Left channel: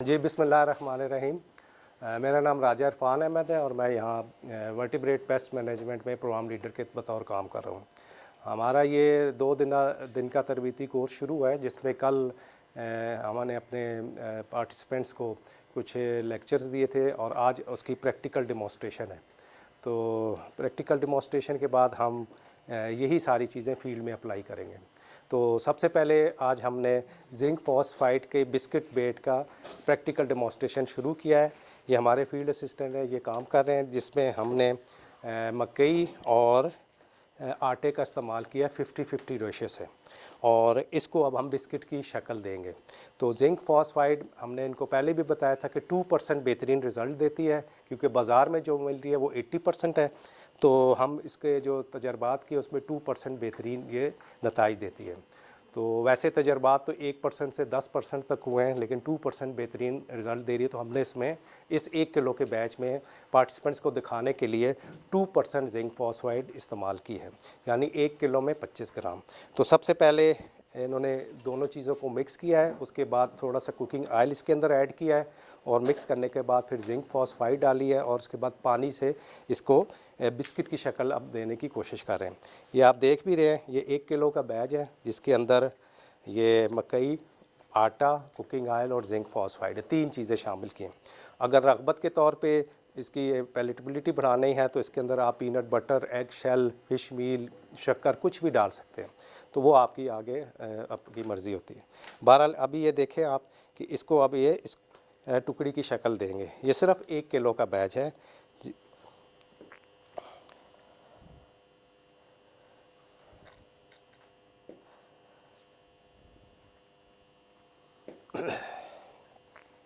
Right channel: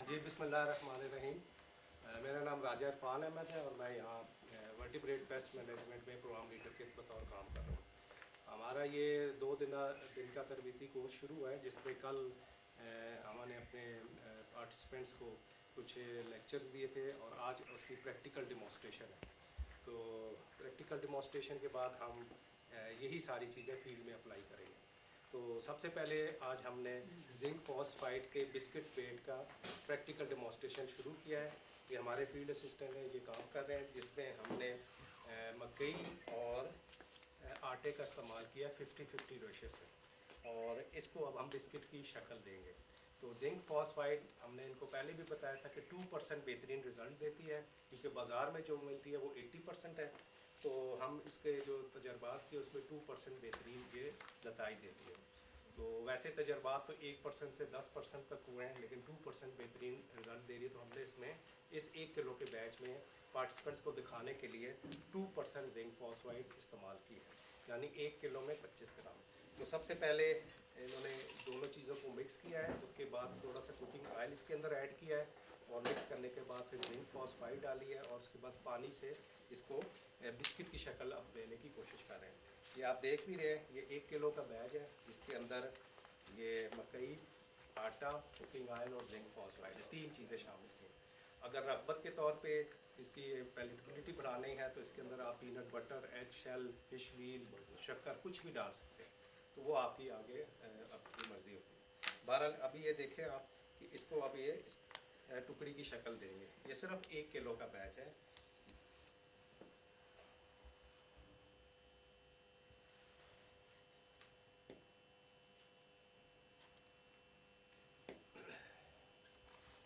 जी बिस्मिल्लाहिर्रहमानिर्रहीम। मेरा नाम राजा इरफान अहमद है और मैं यहाँ वर्टिब्रेट पेस्ट मैनेजमेंट में प्रोग्राम लीडर के बतौर काम कर रहा हूँ। हमारा ये 2 दिन का तरबीती कोर्स शुरू हुआ है, जिसमें कल हमने अपने पार्टिसिपेंट्स को कुछ लेक्चर्स दिए थे और आज उसकी प्रैक्टिकल डेमोस्ट्रेशन है। तो प्रैक्टिकल डेमोस्ट्रेशन के बाद हम यही सारी चीज़ें फील्ड में अप्लाई करेंगे। तो सबसे पहले आज हमने जिंक फॉस्फाइड के बिस्किट बेट का प्रैक्टिकल डेमोस्ट्रेशन शुरू किया है। ये हमारे फील्ड असिस्टेंट हैं, ये काम कर रहे हैं, जिसमें हमने मकई और आटे का इस्तेमाल किया 50-50 रेशो से, और इसको अब हम बिस्किट की शक्ल देंगे। तो जिंक फॉस्फाइड हमने इनको पहले भी बताया था कि 2% बेहतरीन रिज़ल्ट देती है, क्योंकि बाज़ार में जो मिल रही है वो 80% है। तो हम इसके जो तजर्बात किए उसमें 2% बेहतरीन ये नताइज देती है। तो वैसे तजर्बात तो 1% से 10% तक हुए हैं, लेकिन 2% बेहतरीन रिज़ल्ट दे रही है। तो हमने इसमें इस 1 किलो के बैच में पार्टिसिपेंट्स को दिखाने के लिए 2% जिंक फॉस्फाइड इस्तेमाल की है, यानी 1 किलो में 25 ग्राम। तो सबसे पहले इन्होंने दोनों चीज़ों को मिक्स किया है, उसके बाद थोड़ा सा कुकिंग ऑयल इसके अंदर ऐड किया है, और मिक्स करने के बाद फिर जिंक फॉस्फाइड डाली है, और उसके बाद पानी से इसको बिस्किट की शक्ल अब देने की कोशिश कर रहे हैं। ये आप देख भी रहे हैं, ये 1 किलो का बैच है, जिसके अंदर ये मकई, आटा, कुकिंग ऑयल और जिंक फॉस्फाइड 3 चीज़ें शामिल की हैं। अगर रग़बत के तौर पे इसकी पैलेटेबिलिटी बढ़ानी है तो इसके अंदर आप peanut butter, egg shell, fish meal, शक्कर कुछ भी डाल सकते हैं, तो वो आपकी आगे आपकी मर्ज़ी होती है। बहरहाल अभी ये देखें आप कि इसको अब ये इस टुकड़ी की शक्ल देंगे। ये सिर्फ 1 किलो का बैच है।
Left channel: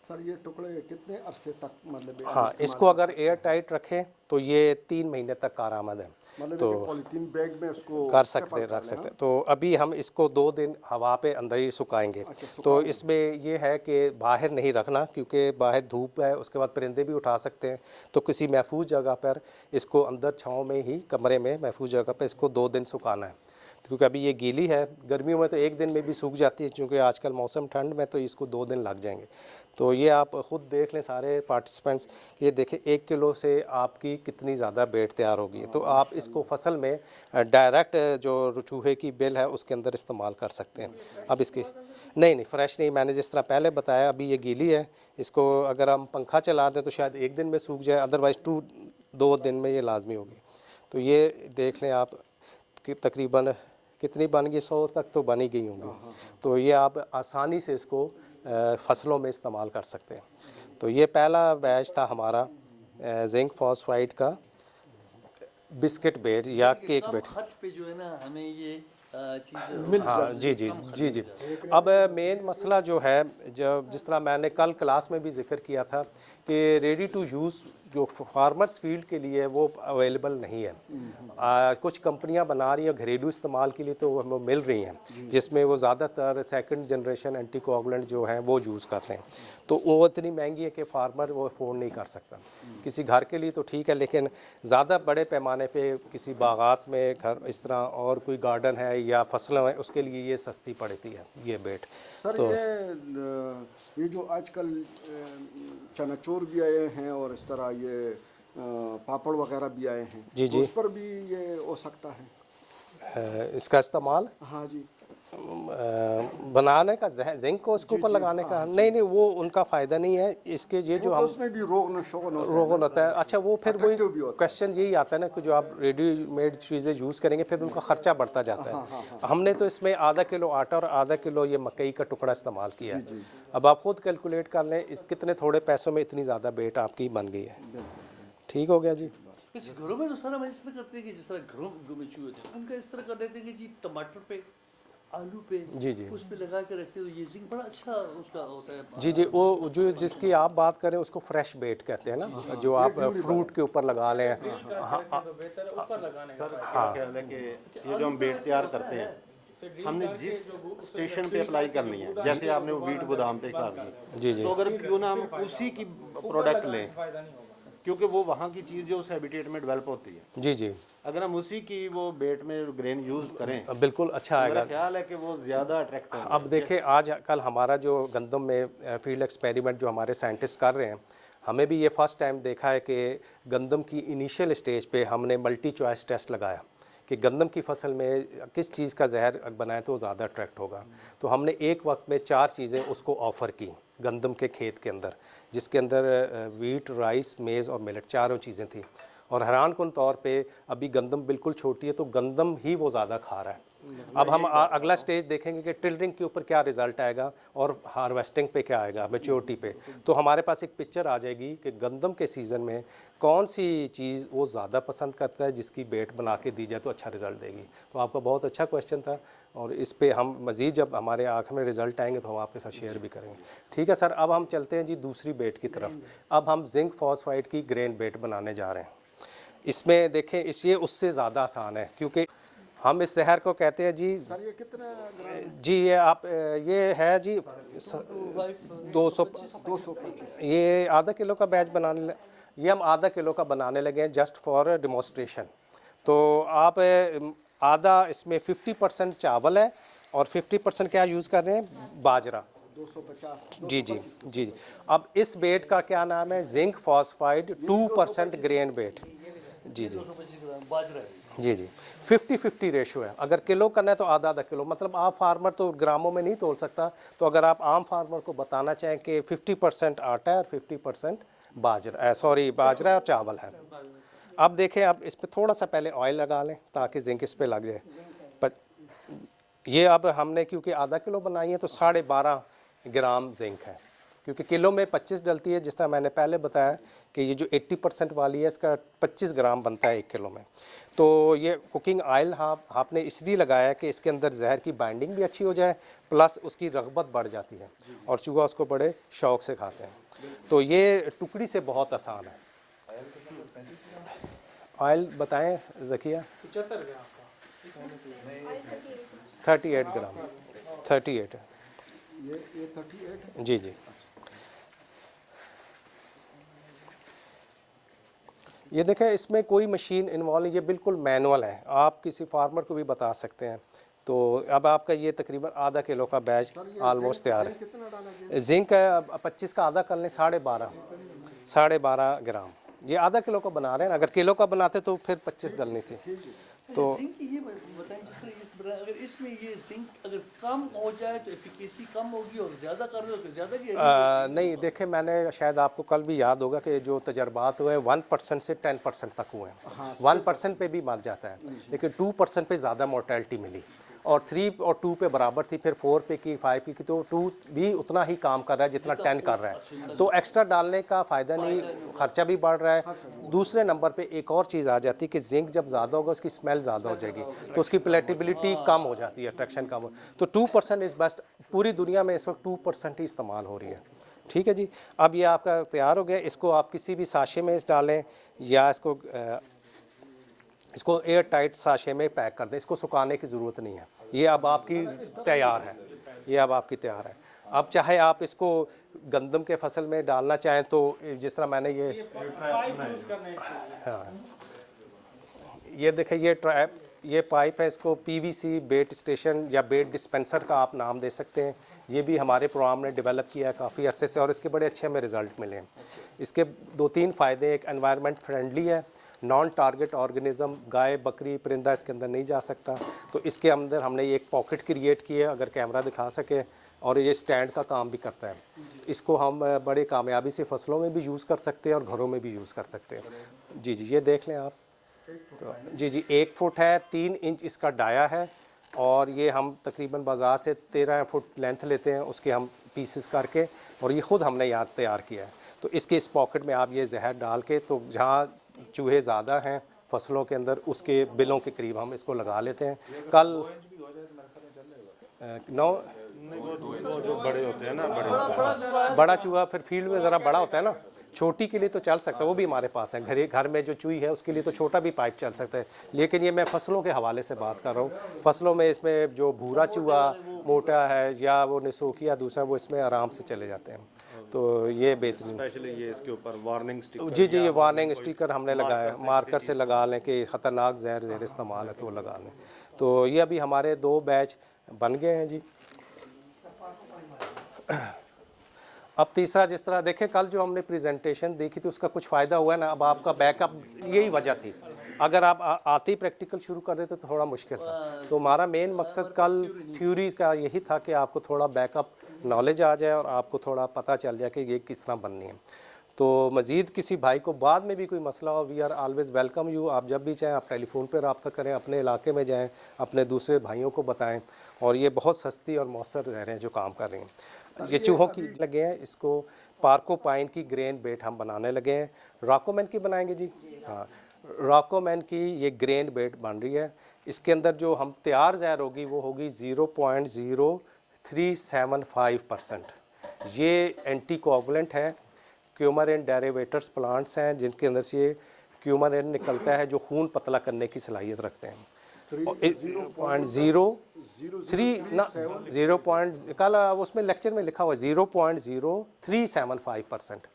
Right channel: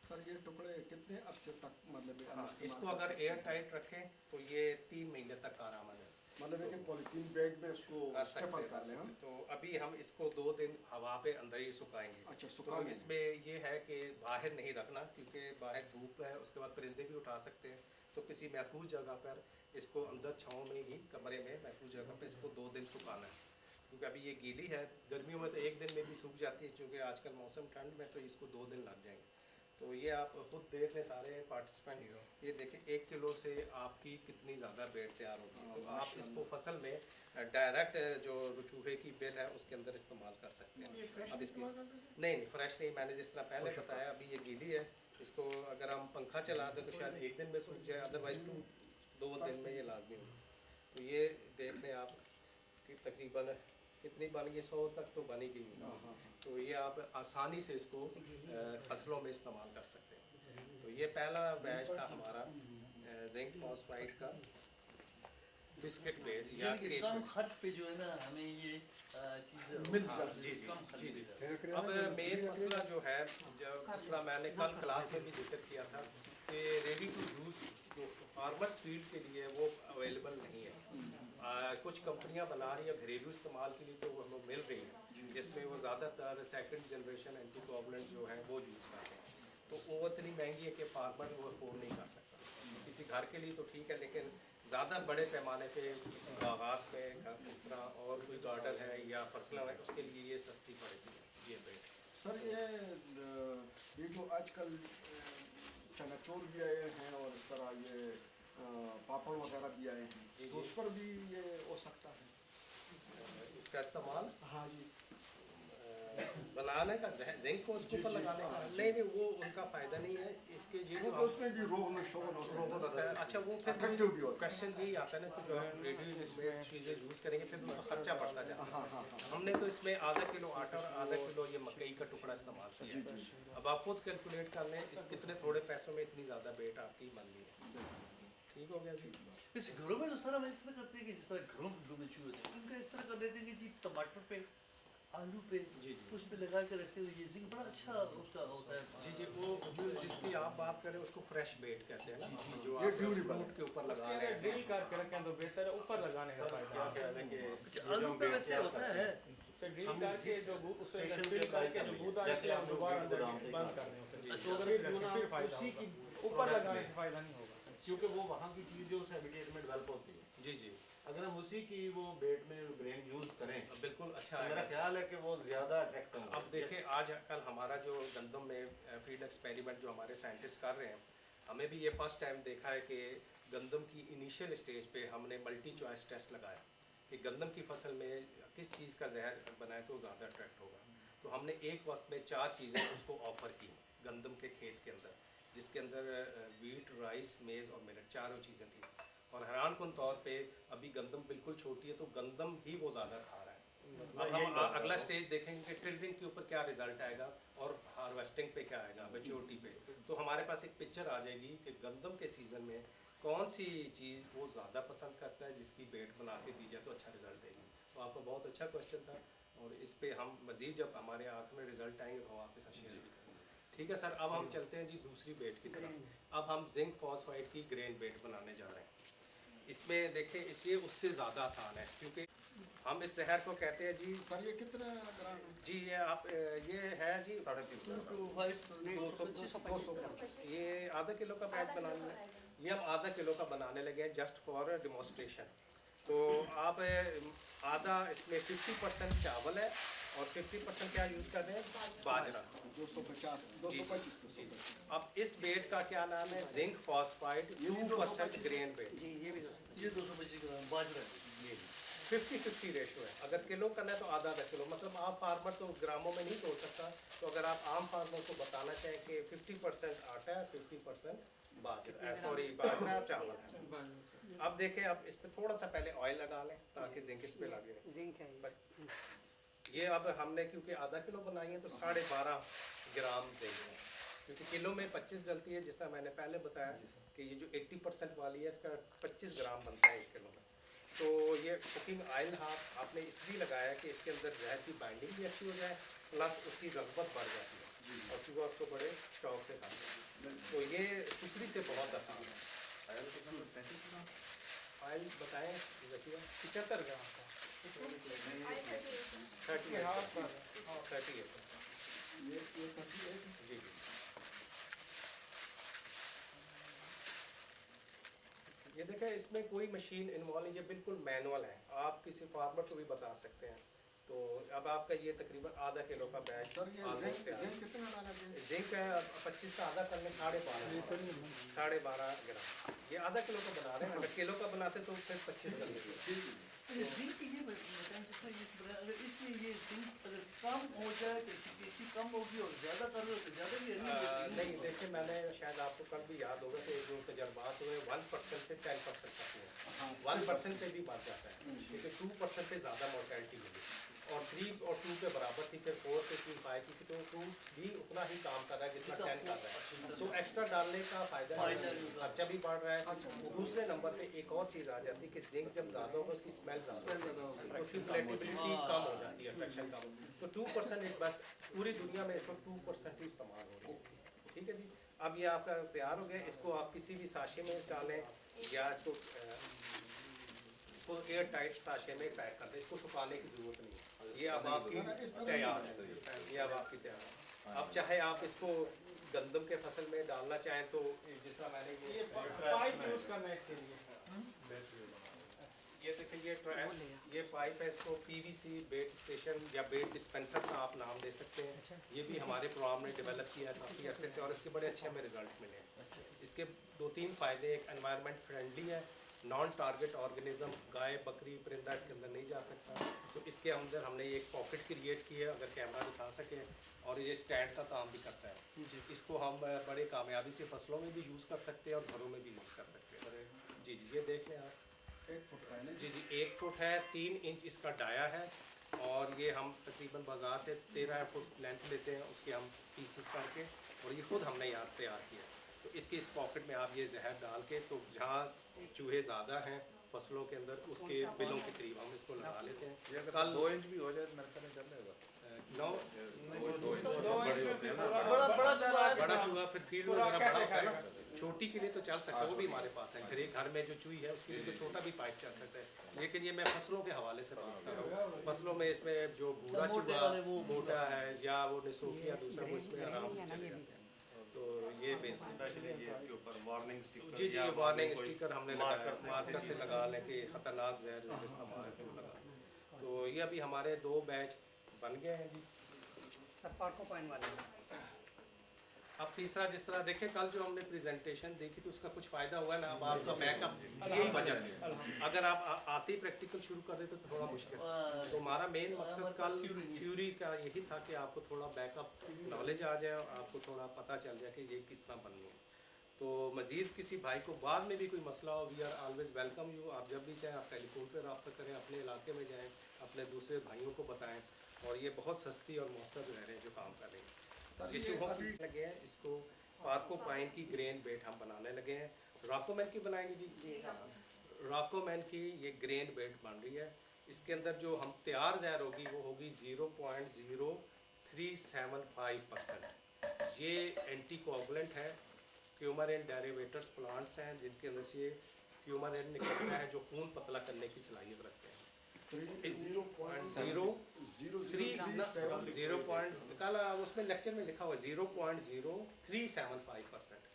सर ये टुकड़े कितने अरसे तक मतलब हाँ, इसको अगर एयर टाइट रखें तो ये 3 महीने तक कारआमद है। मतलब तो पॉलीथीन बैग में उसको कर सकते रख सकते। तो अभी हम इसको 2 दिन हवा पे अंदर ही सुखाएंगे। तो इसमें ये है कि बाहर नहीं रखना, क्योंकि बाहर धूप है, उसके बाद परिंदे भी उठा सकते हैं। तो किसी महफूज जगह पर इसको अंदर छाँव में ही, कमरे में महफूज जगह पर इसको 2 दिन सुखाना है, क्योंकि अभी ये गीली है। गर्मियों में तो 1 दिन में भी सूख जाती है, क्योंकि आजकल मौसम ठंड में, तो इसको 2 दिन लग जाएंगे। तो ये आप ख़ुद देख लें सारे पार्टिसिपेंट्स, ये देखें 1 किलो से आपकी कितनी ज़्यादा बेट तैयार होगी। तो आप इसको फसल में डायरेक्ट जो चूहे की बिल है उसके अंदर इस्तेमाल कर सकते हैं। अब इसकी नहीं फ्रेश नहीं, मैंने जिस तरह पहले बताया, अभी ये गीली है। इसको अगर हम पंखा चला दें तो शायद 1 दिन में सूख जाए, अदरवाइज़ 2 दिन में ये लाजमी होगी। तो ये देख लें आप कि तकरीबन कितनी बन गई, 100 तक तो बन ही गई होंगी। तो ये आप आसानी से इसको फसलों में इस्तेमाल कर सकते हैं। तो ये पहला बैच था हमारा जिंक फॉस्फाइड का बिस्किट बेट या केक बेट। खर्च पे जो है ना हमें ये हाँ जी। अब मेन मसला जो है, जब जिस तरह मैंने कल क्लास में भी जिक्र किया था कि रेडी टू यूज़ जो फार्मर्स फील्ड के लिए वो अवेलेबल नहीं है। कुछ कंपनियां बना रही हैं घरेलू इस्तेमाल के लिए, तो वो मिल रही हैं, जिसमें वो ज़्यादातर सेकंड जनरेशन एंटीकोगुलेंट जो हैं वो यूज़ कर रहे हैं। तो वो इतनी महंगी है कि फार्मर वो अफोर्ड नहीं कर सकता। किसी घर के लिए तो ठीक है, लेकिन ज़्यादा बड़े पैमाने पे किसी बागात में घर इस तरह और कोई गार्डन है या फसलें हैं, उसके लिए ये सस्ती पड़ती है ये बेट। सर तो ये जो आजकल चनाचूर भी आए हैं और इस तरह ये पापड़ वगैरह भी आए हैं, जी तो उस पर भी ये हो सकता है इसका इस्तेमाल हाँ जी बनाने का जिंक को उसके ऊपर लगाने का नहीं, वो उनका फ़ायदा नहीं है। इसके ये जो हम उसमें भी रोगन होता है। अच्छा, वो फिर वही क्वेश्चन यही आता है ना कि जो आप रेडीमेड चीज़ें यूज़ करेंगे फिर उनका ख़र्चा बढ़ता जाता है। हमने तो इसमें आधा किलो आटा और आधा किलो ये मकई का टुकड़ा इस्तेमाल किया है। अब आप खुद कैलकुलेट कर लें इस कितने थोड़े पैसों में इतनी ज़्यादा बेट आपकी बन गई है। ठीक हो गया जी। इस घरों में तो सारा हम इस तरह करते हैं कि जिस तरह घरों में चूहे थे उनका इस तरह कर देते हैं कि जी टमाटर पे, आलू पे, जी उस पे लगा के रखते हो, ये जिंक बड़ा अच्छा उसका होता है। जी वो जो जिसकी आप बात करें उसको फ्रेश बेट कहते हैं ना, जो आप फ्रूट के ऊपर लगा लें। ऊपर लगाने का ख्याल है कि ये जो हम बेट तैयार करते हैं हमने जिस स्टेशन पे अप्लाई करनी है, जैसे आपने वो वीट गोदाम पे कहा जी तो अगर क्यों ना हम उसी की प्रोडक्ट लें, क्योंकि वो वहाँ की चीज़ जो उस हैबिटेट में डेवलप होती है। जी अगर हम उसी की वो बेट में ग्रेन यूज़ करें बिल्कुल अच्छा मेरा आएगा। ख्याल है कि वो ज़्यादा अट्रैक्ट होगा। अब देखिए आज कल हमारा जो गंदम में फील्ड एक्सपेरिमेंट जो हमारे साइंटिस्ट कर रहे हैं, हमें भी ये फर्स्ट टाइम देखा है कि गंदम की इनिशियल स्टेज पे हमने मल्टी चॉइस टेस्ट लगाया कि गंदम की फसल में किस चीज़ का जहर बनाए तो ज़्यादा अट्रैक्ट होगा। तो हमने एक वक्त में 4 चीज़ें उसको ऑफ़र की गंदम के खेत के अंदर, जिसके अंदर वीट, राइस, मेज़ और मिलेट चारों चीज़ें थी। और हैरानकुन तौर पे अभी गंदम बिल्कुल छोटी है तो गंदम ही वो ज़्यादा खा रहा है। अब हम अगला स्टेज देखेंगे कि टिल्डरिंग के ऊपर क्या रिज़ल्ट आएगा और हार्वेस्टिंग पे क्या आएगा, मैच्योरिटी पे। तो हमारे पास एक पिक्चर आ जाएगी कि गंदम के सीज़न में कौन सी चीज़ वो ज़्यादा पसंद करता है, जिसकी बेट बना के दी जाए तो अच्छा रिज़ल्ट देगी। तो आपका बहुत अच्छा क्वेश्चन था और इस पे हम मज़ीद जब हमारे आँख में रिज़ल्ट आएंगे तो हम आपके साथ शेयर भी करेंगे। ठीक है सर, अब हम चलते हैं जी दूसरी बेट की तरफ। अब हम जिंक फॉस्फाइड की ग्रेन बेट बनाने जा रहे हैं। इसमें देखें ये उससे ज़्यादा आसान है क्योंकि हम इस जहर को कहते हैं जी सर ये कितने ग्राम? जी ये आप ये है जी 200 ये आधा किलो का बैच बनाने ये हम आधा किलो का बनाने लगे हैं जस्ट फॉर डेमोस्ट्रेशन। तो आप आधा इसमें 50% चावल है और 50% क्या यूज़ कर रहे हैं, बाजरा। 250। जी जी जी जी। अब इस बेट का क्या नाम है, जिंक फॉस्फाइड 2% ग्रेन बेट। जी जी 225 ग्राम बाजरा है। जी जी 50-50 रेशो है। अगर किलो करना है तो आधा आधा किलो, मतलब आप फार्मर तो ग्रामों में नहीं तोल सकता। तो अगर आप आम फार्मर को बताना चाहें कि 50% आटा है और 50% बाजरा है और चावल है। अब देखें, अब इस पर थोड़ा सा पहले ऑयल लगा लें ताकि जिंक इस पर लग जाए। पर ये अब हमने क्योंकि आधा किलो बनाई है तो 12.5 ग्राम जिंक है, क्योंकि किलो में 25 डलती है। जिस तरह मैंने पहले बताया कि ये जो 80% वाली है इसका 25 ग्राम बनता है 1 किलो में। तो ये कुकिंग ऑयल आपने इसलिए लगाया कि इसके अंदर जहर की बाइंडिंग भी अच्छी हो जाए, प्लस उसकी रगबत बढ़ जाती है और चूहा उसको बड़े शौक़ से खाते हैं। तो ये टुकड़ी से बहुत आसान है। ऑयल बताएं ज़किया? 38 ग्राम 38 है। ये 38। जी जी। ये देखें, इसमें कोई मशीन इन्वॉल्व नहीं, ये बिल्कुल मैनुअल है। आप किसी फार्मर को भी बता सकते हैं। तो अब आपका ये तकरीबन आधा किलो का बैच ऑलमोस्ट तैयार है। कितना डाला? जिंक है, अब 25 का आधा कर लें, 12.5 ग्राम। ये आधा किलो का बना रहे हैं, अगर किलो का बनाते तो फिर 25 डलनी थी। तो जिंक ये बताएं, जिस तरह अगर इसमें ये जिंक अगर कम हो जाए तो एफिकेसी कम होगी और ज़्यादा कर रहे हो तो ज़्यादा की नहीं, देखें मैंने शायद आपको कल भी याद होगा कि जो तजर्बात हुए 1% से 10% तक हुए हैं। 1% पे भी मर जाता है, लेकिन 2% पे ज़्यादा मोर्टेलिटी मिली और 3 और 2 पे बराबर थी, फिर 4 पे की, 5 की, तो 2 भी उतना ही काम कर रहा है जितना 10 कर रहा है। तो एक्स्ट्रा डालने का फ़ायदा नहीं, खर्चा भी बढ़ रहा है। दूसरे नंबर पे एक और चीज़ आ जाती है कि जिंक जब ज़्यादा होगा उसकी स्मेल ज़्यादा हो जाएगी, तो उसकी प्लेटेबिलिटी कम हो जाती है, अट्रैक्शन कम हो। तो 2% इज़ बेस्ट। पूरी दुनिया में इस वक्त 2% ही इस्तेमाल हो रही है। ठीक है जी। अब ये आपका तैयार हो गया। इसको आप किसी भी साशे में डालें या इसको एयर टाइट साशे में पैक कर दें। इसको सुखाने की ज़रूरत नहीं है। ये अब आपकी तैयार है। ये अब आपकी तैयार है। अब चाहे आप इसको गंदम के फसल में डालना चाहें तो जिस तरह मैंने हाँ, ये देखें, ये पाइप है। इसको PVC बेट स्टेशन या बेट डिस्पेंसर का आप नाम दे सकते हैं। ये भी हमारे प्रोग्राम ने डेवलप किया है काफ़ी अरसे से और इसके बड़े अच्छे हमें रिज़ल्ट मिले हैं। इसके 2-3 फ़ायदे। एक, एनवायरनमेंट फ्रेंडली है, नॉन टारगेट ऑर्गेनिज्म, गाय, बकरी, परिंदा इसके अंदर नहीं जा सकता। तो इसके अंदर हमने एक पॉकेट क्रिएट की है, अगर कैमरा दिखा सके, और ये स्टैंड का काम भी करता है। इसको हम बड़ी कामयाबी से फसलों में भी यूज़ कर सकते हैं और घरों में भी यूज़ कर सकते हैं। जी जी, ये देख लें आप। तो जी जी 1 फुट है, 3 इंच इसका डाया है और ये हम तकरीबन बाज़ार से 13 फुट लेंथ लेते हैं, उसके हम पीसेस करके, और ये ख़ुद हमने यहाँ तैयार किया है। तो इसके इस पॉकेट में आप ये जहर डाल के, तो जहाँ चूहे ज़्यादा हैं फसलों के अंदर उसके बिलों के करीब हम इसको लगा लेते हैं। कल 9 बड़े होते हैं ना, बड़ा चूहा फिर फील्ड में ज़रा बड़ा होता है ना, छोटी के लिए तो चल सकता है, वो भी हमारे पास है। घर में जो चूही है उसके लिए तो छोटा भी पाइप चल सकता है, लेकिन ये मैं फसलों के हवाले से बात कर रहा हूँ। फसलों में इसमें जो भूरा चूहा मोटा है या वो निसोकिया दूसरा, वो इसमें आराम से चले जाते हैं। तो ये बेहतरीन। स्पेशली ये इसके ऊपर वार्निंग स्टिकर जी जी, ये वार्निंग स्टिकर हमने लगाया, मार्कर से लगा लें कि ख़तरनाक ज़हर इस्तेमाल है तो वो लगा लें। तो ये अभी हमारे 2 बैच बन गए हैं जी। अब तीसरा, जिस तरह देखें कल जो हमने प्रेजेंटेशन देखी थी उसका कुछ फ़ायदा हुआ ना। अब आपका बैकअप, यही वजह थी, अगर आप आते ही प्रैक्टिकल शुरू कर देते तो थोड़ा मुश्किल था। तो हमारा मेन मकसद कल थ्योरी का यही था कि आपको थोड़ा बैकअप नॉलेज आ जाए और आपको थोड़ा पता चल जाए कि ये किस तरह बननी है। तो मज़ीद किसी भाई को बाद में भी कोई मसला हो, we are always welcome you. आप जब भी चाहें आप टेलीफोन पर रब्ता करें, अपने इलाके में जाएँ, अपने दूसरे भाइयों को बताएं। और ये बहुत सस्ती और मौसर रह रहे हैं जो काम कर रहे हैं। ये चूहों की लगे हैं, इसको पार्कोपाइन की ग्रेन बेट हम बनाने लगे हैं। रॉकोमैन की बनाएंगे जी, हाँ, रॉकोमैन की ये ग्रेन बेट बन रही है। इसके अंदर जो हम तैयार ज़हर होगी वो होगी 0.0375%। ये एंटी कोगुलेंट है। क्यूमरिन डेरिवेटर्स प्लांट्स हैं जिनके अंदर से ये क्यूमरिन निकलता है जो खून पतला करने की सलाहियत रखते हैं। 0.03 कल उसमें लेक्चर में लिखा हुआ 0.0375%,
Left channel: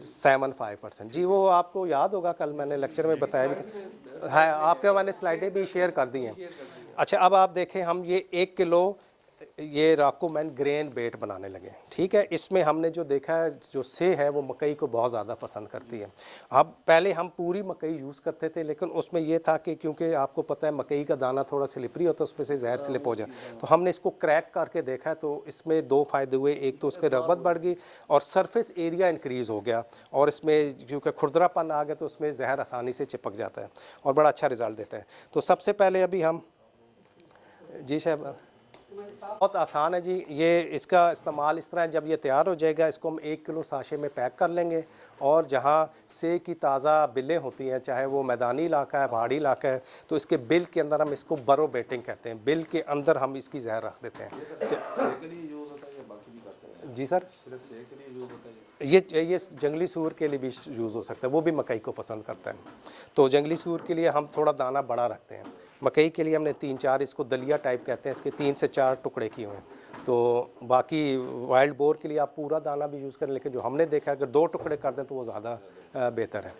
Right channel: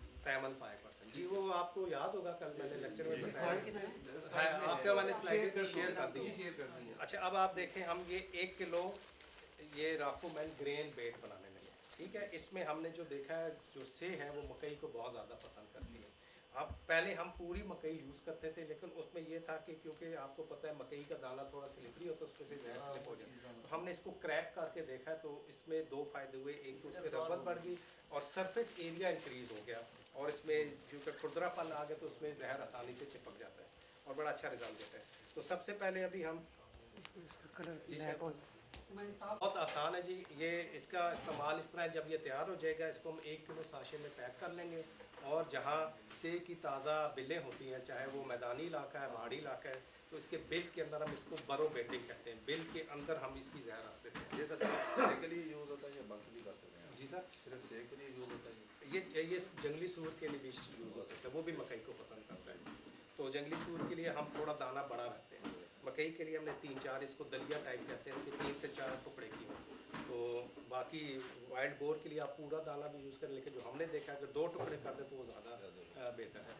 75% जी। वो आपको याद होगा, कल मैंने लेक्चर में बताया भी था, है आपके मैंने स्लाइडें भी शेयर कर दी हैं। अच्छा, अब आप देखें हम ये 1 किलो ये रॉकोमैन ग्रेन बेट बनाने लगे, ठीक है। इसमें हमने जो देखा है, जो से है वो मकई को बहुत ज़्यादा पसंद करती है। अब पहले हम पूरी मकई यूज़ करते थे, लेकिन उसमें ये था कि क्योंकि आपको पता है मकई का दाना थोड़ा स्लिपरी होता है, उसमें से जहर स्लिप हो जाए। तो हमने इसको क्रैक करके देखा है, तो इसमें 2 फ़ायदे हुए। एक तो उसकी रगबत बढ़ गई और सरफेस एरिया इंक्रीज़ हो गया, और इसमें क्योंकि खुरदरापन आ गया तो उसमें जहर आसानी से चिपक जाता है और बड़ा अच्छा रिज़ल्ट देता है। तो सबसे पहले अभी हम, जी साहब, बहुत आसान है जी। ये इसका इस्तेमाल इस तरह है, जब ये तैयार हो जाएगा इसको हम 1 किलो साशे में पैक कर लेंगे, और जहाँ से की ताज़ा बिलें होती हैं, चाहे वो मैदानी इलाका है, पहाड़ी इलाका है, तो इसके बिल के अंदर हम इसको बरो बेटिंग कहते हैं। बिल के अंदर हम इसकी जहर रख देते हैं। जी सर, ये जंगली सूअर के लिए भी यूज़ हो सकता है, वो भी मकई को पसंद करता है। तो जंगली सूअर के लिए हम थोड़ा दाना बड़ा रखते हैं। मकई के लिए हमने 3-4, इसको दलिया टाइप कहते हैं, इसके 3 से 4 टुकड़े किए हुए हैं। तो बाकी वाइल्ड बोर के लिए आप पूरा दाना भी यूज़ करें, लेकिन जो हमने देखा है अगर 2 टुकड़े कर दें तो वो ज़्यादा बेहतर है।